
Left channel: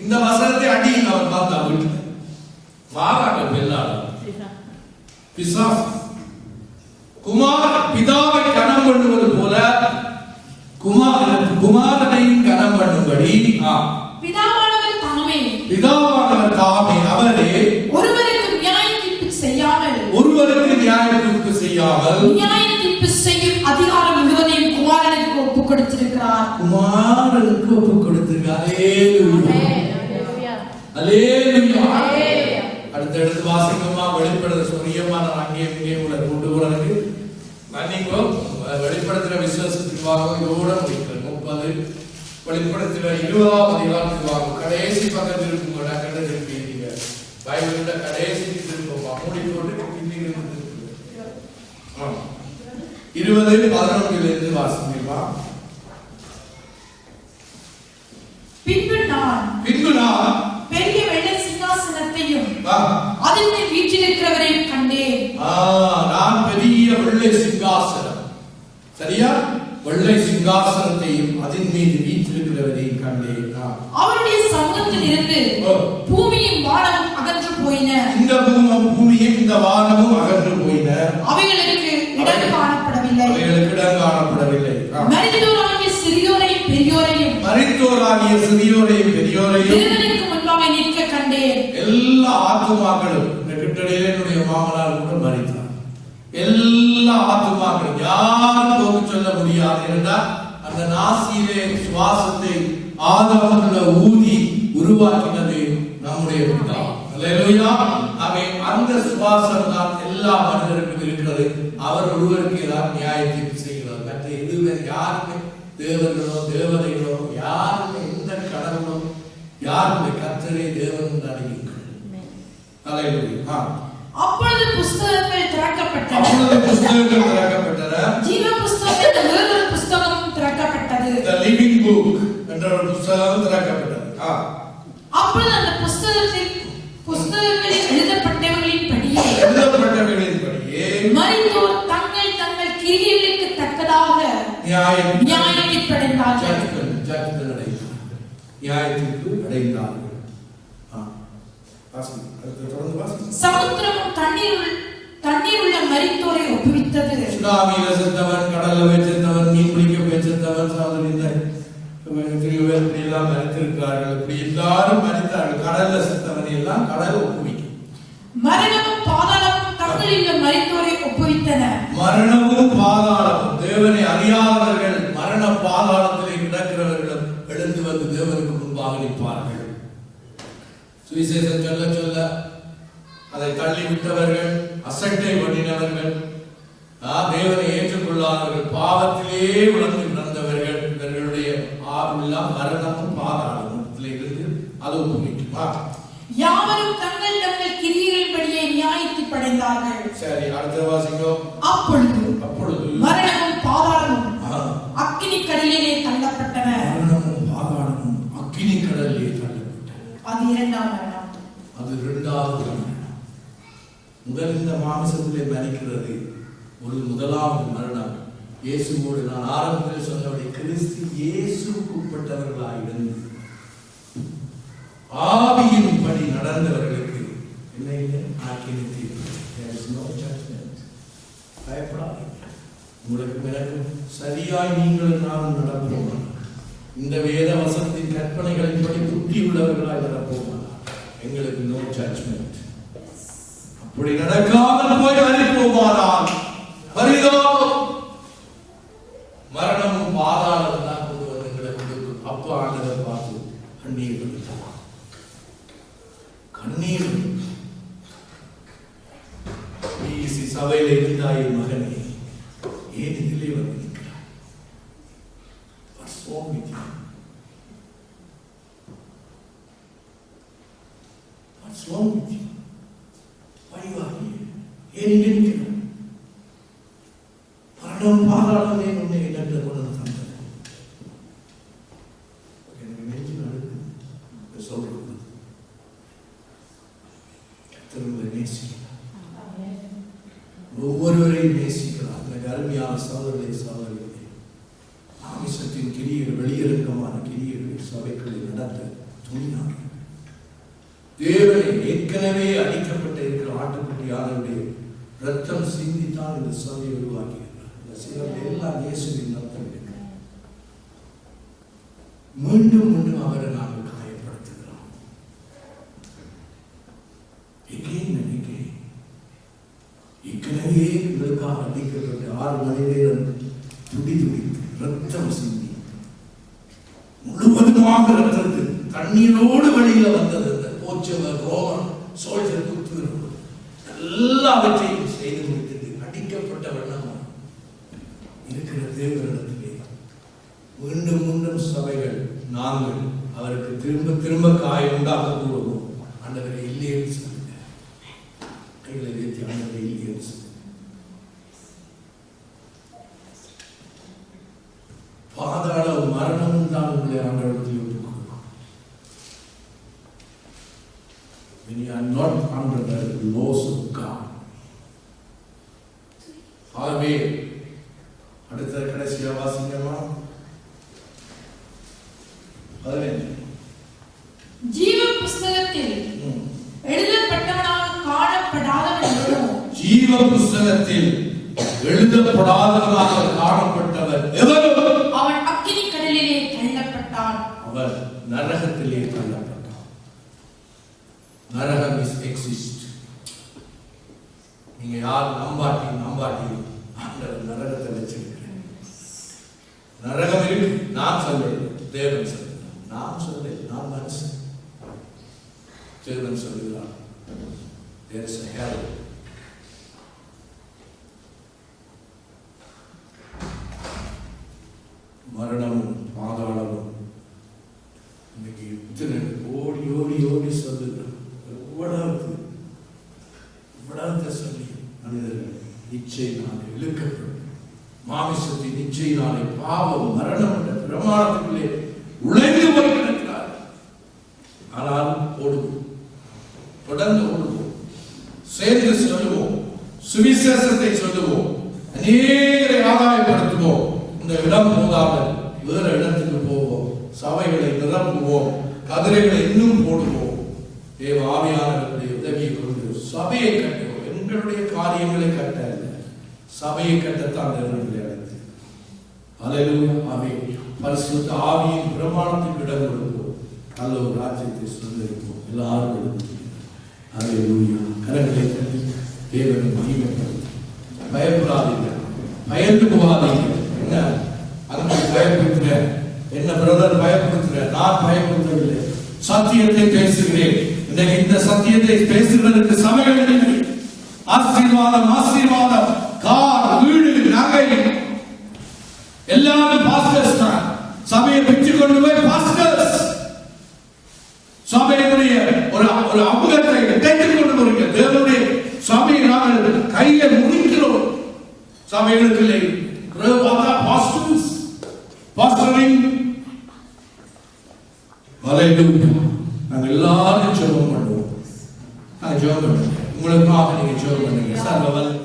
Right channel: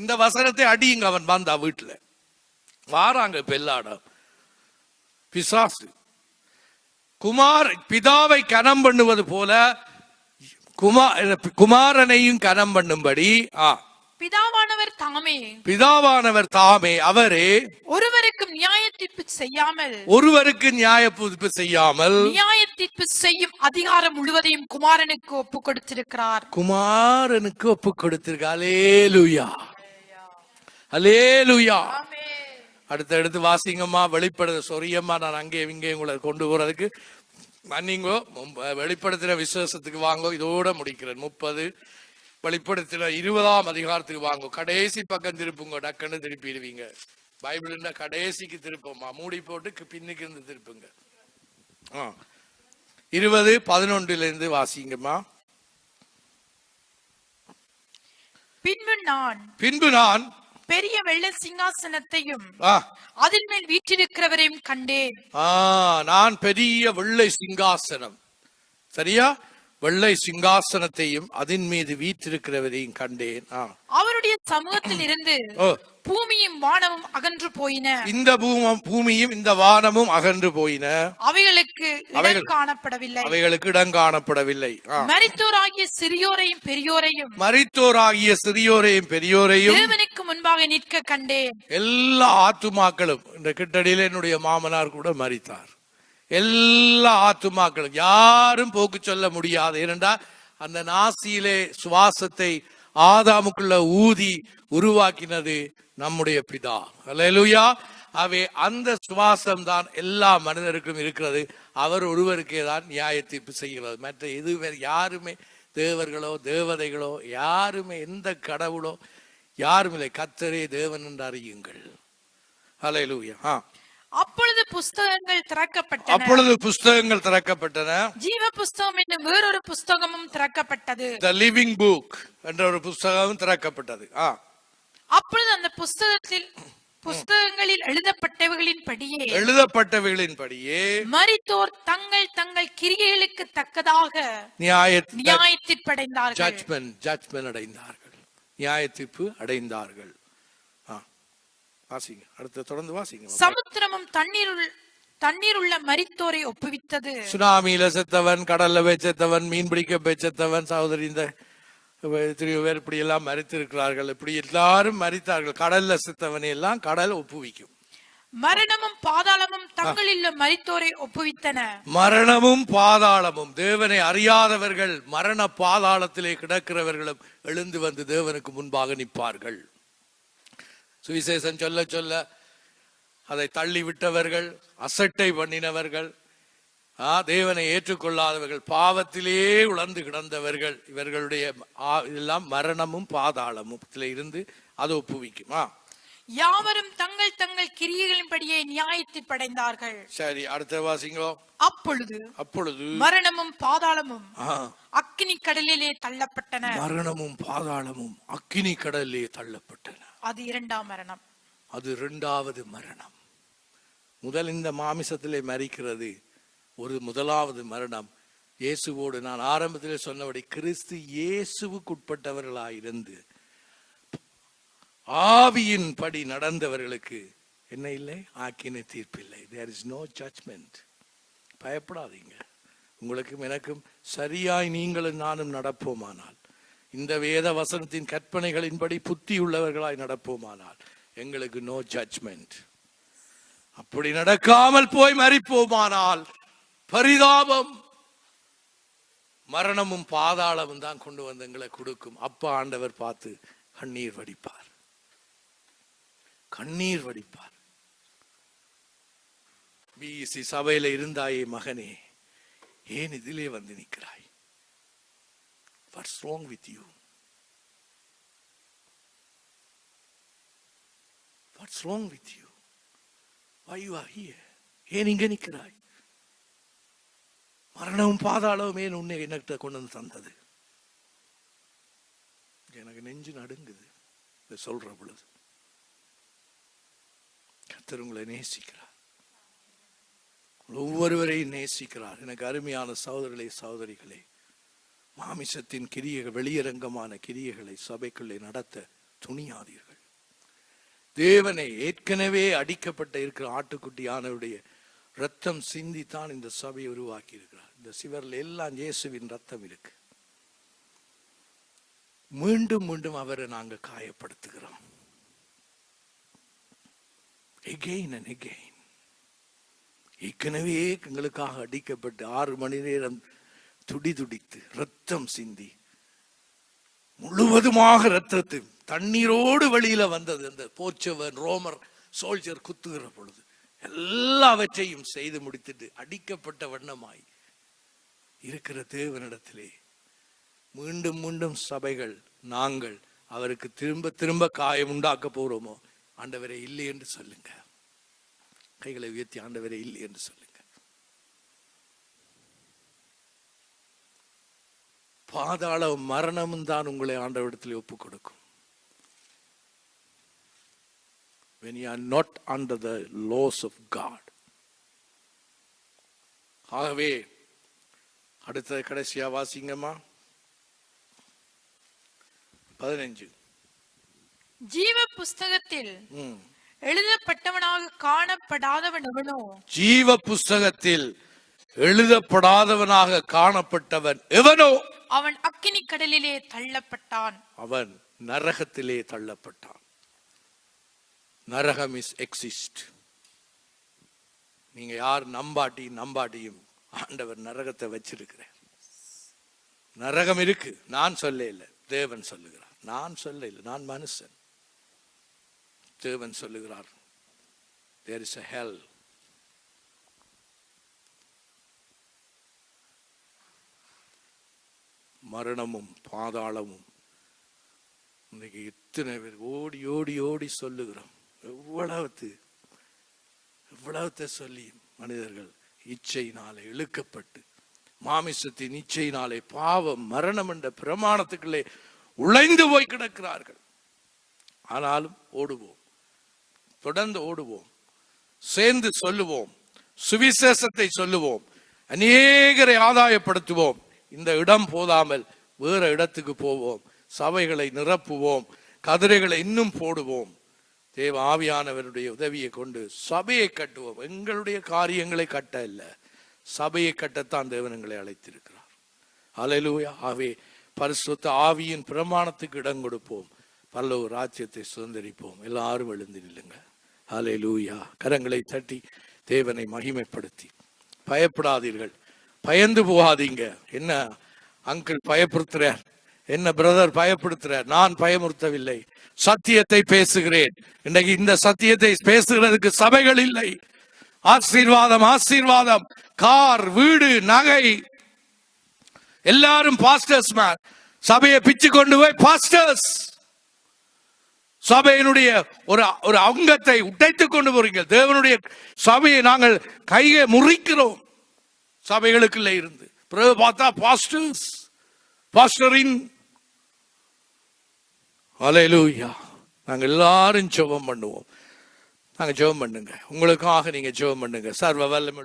இந்த வசனத்தை அடியுங்க. அவர் பார்த்தா வீட்டுல பாராங்க வெள்ளாட பிசாசு. பிதாவை கனம் பண்ணுவது போல குமாரனையும் கனம் பண்ணும்படி பிதாவானவர் தாமே அவரே ஒருவருக்கு நியாய தீர்ப்பு செய்யாமல் நியாய தீர்ப்பு செய்யும் அதிகாரம் முழுவதையும் குமாரனுக்கு ஒப்பு கொடுத்திருக்கிறார். குமாரனுக்கு ஒப்பு கொடுத்திருக்கிறார். அல்லேலூயா, அல்லேலூயா. அடுத்து வாசிங்கம்மா. வெளிப்படுத்த சொரியமா நான் அங்கே கொண்டு போறதுக்கு நீங்க வெளிப்படுத்துற விசுவாசத்துக்கு வாங்க. இதோட முடிக்கிறேன். 30 வெளிப்படுத்துற 20ஆம் அதிகாரத்துக்கு வாங்க. கடைசி பக்கத்தில் இருக்கும். டக்குன்னு திருப்பிங்க. பைபிள்ல கடைசிக்கு திருப்போம். அப்படி போட்டு இன்னைக்கு 20:11 வாசிங்கம்மா. பின்பு நான் பெரிய வெள்ளை சிங்காசனத்தையும் அதின் மேல் வீற்றிருக்கிறவரையும் கண்டேன். நான் பெரிய வெள்ளை சிங்காசனம், சரியா? வெள்ளை சிங்காசனத்தையும் அதன் மீது வீற்றிருக்கிறவரையும் கண்டேன். அவருடைய சமூகத்தில் இருந்து பூமியும் வானமும் அகன்று போயின. இந்த பூமியும் இந்த வானமும் அகன்று போயின. அவைகளுக்கு இடம் காணப்படவில்லை. மரித்தோராகிய சிறியோரையும் பெரியோரையும் தேவனுக்கு முன்பாக நிற்க கண்டேன். எல்லா ஆத்துமாக்களும் இந்த கிட்டடியில என்னுடைய மாமனார் கூட மரித்தார். எல்லா ஆத்துமாக்களும் யாரும் போக்கு சொல்ல முடியாது. இருந்தால் அந்த நாசியிலே சுவாசத்தை ஆதாமுக்குள்ள ஊதி உருவாக்கினது நம்முடைய பிதா. அல்லேலூயா. அந்த சுவாசம் தான் எல்லா மனிதருக்கும் இருக்கிறது. அவர் ஒருவருக்கு ஏதாவது நியாய தீர்ப்பு செய்கிறது. மற்ற இதுவே யாருமே தேவர்களோ தேவதைகளோ யாருமே எந்த கடவுளோ யாருமே கர்த்தரே தேவன் என்று அறியுங்கள். அல்லேலூயா. அப்பொழுது புஸ்தகங்கள் திறக்கப்பட்டன. ஜீவ புஸ்தகம் என்ற வேறொரு புஸ்தகமும் திறக்கப்பட்டது. The living book என்ற ஒரு புஸ்தகம் திறக்கப்பட்டது. அப்பொழுது அந்த புஸ்தகங்களில் எழுதப்பட்டவைகளின்படியே மரித்தோர் தங்கள் கிரியைகளுக்கு தக்கதாக நியாயத்தீர்ப்பு அடைந்தார்கள். சமுத்திரமும் தண்ணீர் உள்ள மரித்தோரை ஒப்புவித்தது. சுனாமியில செத்தவன், கடல்ல செத்தவன், மீன் பிடிக்க செத்தவன், சகோதரி இந்த இப்படி எல்லாம் மரித்திருக்கிறார்கள். இப்படி எல்லாரும் மரித்தார்கள். கடல்ல செத்தவனை எல்லாம் கடல் ஒப்புவிக்கும். மரணமும் பாதாளமும் தங்களில் மரித்தோரை ஒப்புவித்தன. மரணமும் பாதாளமும் தேவனை அறியாதவர்கள் மரண பாதாளத்திலே கிடக்கிறவர்களும் எழுந்து வந்து தேவனுக்கு முன்பாக நிற்பார்கள். சுவிசேஷம் சொல்ல சொல்ல அதை தள்ளிவிட்டவர்கள், அசட்டை பண்ணினவர்கள், தேவனை ஏற்றுக்கொள்ளாதவர்கள், பாவத்திலே உணர்ந்து கிடந்தவர்கள், இவர்களுடைய எல்லாம் மரணமும் பாதாளமும் இருந்து அதை ஒப்புவிக்குமா? யாவரும் தங்கள் கிரியைகளின்படியே நியாயத்தீர்ப்பு அடைந்தார்கள். சரி, அடுத்த வாசிங்கோ. அப்பொழுது மரணமும் பாதாளமும் அக்கினி கடலிலே தள்ளப்பட்டன. மரணமும் பாதாளமும் அக்கினி கடலிலே தள்ளப்பட்டன. அது இரண்டாம் மரணம். அது இரண்டாவது மரணம். முதல் இந்த மாமிசத்திலே மரிக்கிறது ஒரு முதலாவது மரணம். இயேசுவோடு நான் ஆரம்பத்தில் சொன்னபடி கிறிஸ்து இயேசுவுக்கு உட்பட்டவர்களாயிருந்து ஆவியின் படி நடந்தவர்களுக்கு என்ன இல்லை? ஆக்கினை தீர்ப்பு. There is no judgment. பயப்படாதீங்க. உங்களுக்கு பிறகு சரியாய் நீங்களும் நானும் நடப்போமானால், இந்த வேத வசனத்தின் கற்பனைகளின்படி புத்தியுள்ளவர்களாய் நடப்போமானால் எங்களுக்கு நோ ஜட்ஜ்மெண்ட். அப்படி நடக்காமல் போய் மரிப்போமானால் பரிதாபம், மரணமும் பாதாளம் தான் எங்களை கொடுக்கும். அப்ப ஆண்டவர் பார்த்து கண்ணீர் வடிப்பார், கண்ணீர் வடிப்பார். பிசி சபையில இருந்தாய் மகனே, ஏன் இதிலே வந்து நிற்கிறாய்? What's wrong with you? What's wrong with you? Why you are here? ஏன் இங்க நிற்கிறாய்? மரணம் பாதாளமே உன்னை என்னட்ட கொண்டு வந்து தந்தது. எனக்கு நெஞ்சு நடுக்குது சொல்ற பொழுது. கர்த்தர் உங்களை நேசிக்கிறார், ஒவ்வொருவரையும் நேசிக்கிறார். எனக்கு அருமையான சகோதரர்களே சகோதரிகளே, மாமிசத்தின் கிரியைகள், வெளியிறக்கமான கிரியைகளை சபைகளை நடத்த துணியானீர்கள். தேவனை ஏற்கனவே அடிக்கப்பட்ட இருக்கிற ஆட்டுக்குட்டியானவருடைய ரத்தம் சிந்தித்தான் இந்த சபையை உருவாக்கி இருக்கிறார். இந்த சிலர்கள் எல்லாம் இயேசுவின் ரத்தம் இருக்கு. மீண்டும் மீண்டும் அவரை நாங்கள் காயப்படுத்துகிறோம். Again and again. ஏற்கனவே எங்களுக்காக அடிக்கப்பட்டு 6 மணி நேரம் துடித்து ரத்தம் சிந்தி முழுவதுமாக ரத்தத்தில் தண்ணீரோடு வெளியில வந்தது. அந்த போச்சவர் ரோமன் சோல்ஜர் குத்துகிறது, எல்லாவற்றையும் செய்து முடித்தது. அடிக்கப்பட்ட வண்ணமாய் இருக்கிற தேவனிடத்திலே மீண்டும் மீண்டும் சபைகள் நாங்கள் அவருக்கு திரும்ப திரும்ப காயம் உண்டாக்க கூறுவோம். ஆண்டவரை இல்லை என்று சொல்லுங்க, கைகளை வைத்து ஆண்டவரை இல்லை என்று சொல்லுங்க. பாதாள மரணமும் தான் உங்களை ஆண்டவரத்தில் ஒப்புக் கொடுக்கும். When you are not under the laws of God. ஆகவே அடுத்த கடைசியா வாசிங்கம்மா 15. ஜீவ புஸ்தகத்தில் எழுதப்பட்டவனாக காணப்படாதவன் எவனோ, ஜீவ புஸ்தகத்தில் எழுதப்படாதவனாக காணப்பட்டவர் எவனோ அவன் அக்கினி கடலிலே தள்ளப்பட்டான். அவன் நரகத்திலே தள்ளப்பட்டான். நரகம் இஸ் எக்ஸிஸ்ட். நீங்க யார் நம்பாட்டி ஆண்டவர் நரகத்தை வச்சிருக்கிறேன். நரகம் இருக்கு. நான் சொல்ல, தேவன் சொல்லுகிறார். நான் சொல்ல, நான் மனுஷன். தேவன் சொல்லுகிறார் there is a hell. மரணமும் பாதாளமும் இன்னைக்கு இத்தனை ஓடி ஓடி ஓடி சொல்லுகிறோம். எவ்வளவு சொல்லி மனிதர்கள் இச்சையினாலே இழுக்கப்பட்டு, மாமிசத்தின் இச்சையினாலே பாவம் மரணம் என்ற பிரமாணத்துக்குள்ளே உழைந்து போய் கிடக்கிறார். ஆனால் ஓடுவோம், தொடர்ந்து ஓடுவோம், சேர்ந்து சொல்லுவோம், சுவிசேஷத்தை சொல்லுவோம், அநேகரை ஆதாயப்படுத்துவோம். இந்த இடம் போதாமல் வேற இடத்துக்கு போவோம், சபைகளை நிரப்புவோம், கதிரைகளை இன்னும் போடுவோம். தேவ ஆவியானவருடைய உதவியை கொண்டு சபையை கட்டுவோம். எங்களுடைய காரியங்களை கட்ட அல்ல, சபையை கட்டத்தான் தேவன்களை அழைத்திருக்கிறார். அல்லேலூயா. ஆவே பரிசுத்த ஆவியின் பிரமாணத்துக்கு இடம் கொடுப்போம், பரலோக ராஜ்யத்தை சுதந்திரிப்போம். எல்லாரும் எழுந்திருக்கிறார்கள். அல்லேலூயா. கரங்களை தட்டி தேவனை மகிமைப்படுத்தி பயப்படாதீர்கள், பயந்து போகாதீங்க. என்ன அங்கிள் பயப்படுத்துற, என்ன பிரதர் பயப்படுத்துற? நான் பயப்படுத்தவில்லை, சத்தியத்தை பேசுகிறேன். இன்னைக்கு இந்த சத்தியத்தை பேசுகிறதுக்கு சபைகள் இல்லை. ஆசீர்வாதம் ஆசீர்வாதம், கார், வீடு, நகை, எல்லாரும் பாஸ்டர்ஸ் மேன். சபையை பிச்சு கொண்டு போய் பாஸ்டர்ஸ், சபையினுடைய ஒரு அங்கத்தை உடைத்துக் கொண்டு போறீங்க. தேவனுடைய சபையை நாங்கள் கையை முறிக்கிறோம். சபைகளுக்கு இல்லை பார்த்தா பாஸ்டர்ஸ், பாஸ்டரிங். அல்லேலூயா. நாங்கள் எல்லாரும் ஜெபம் பண்ணுவோம். நாங்கள் ஜெபம் பண்ணுங்க, உங்களுக்காக நீங்க ஜெபம் பண்ணுங்க. சர்வ வல்லமை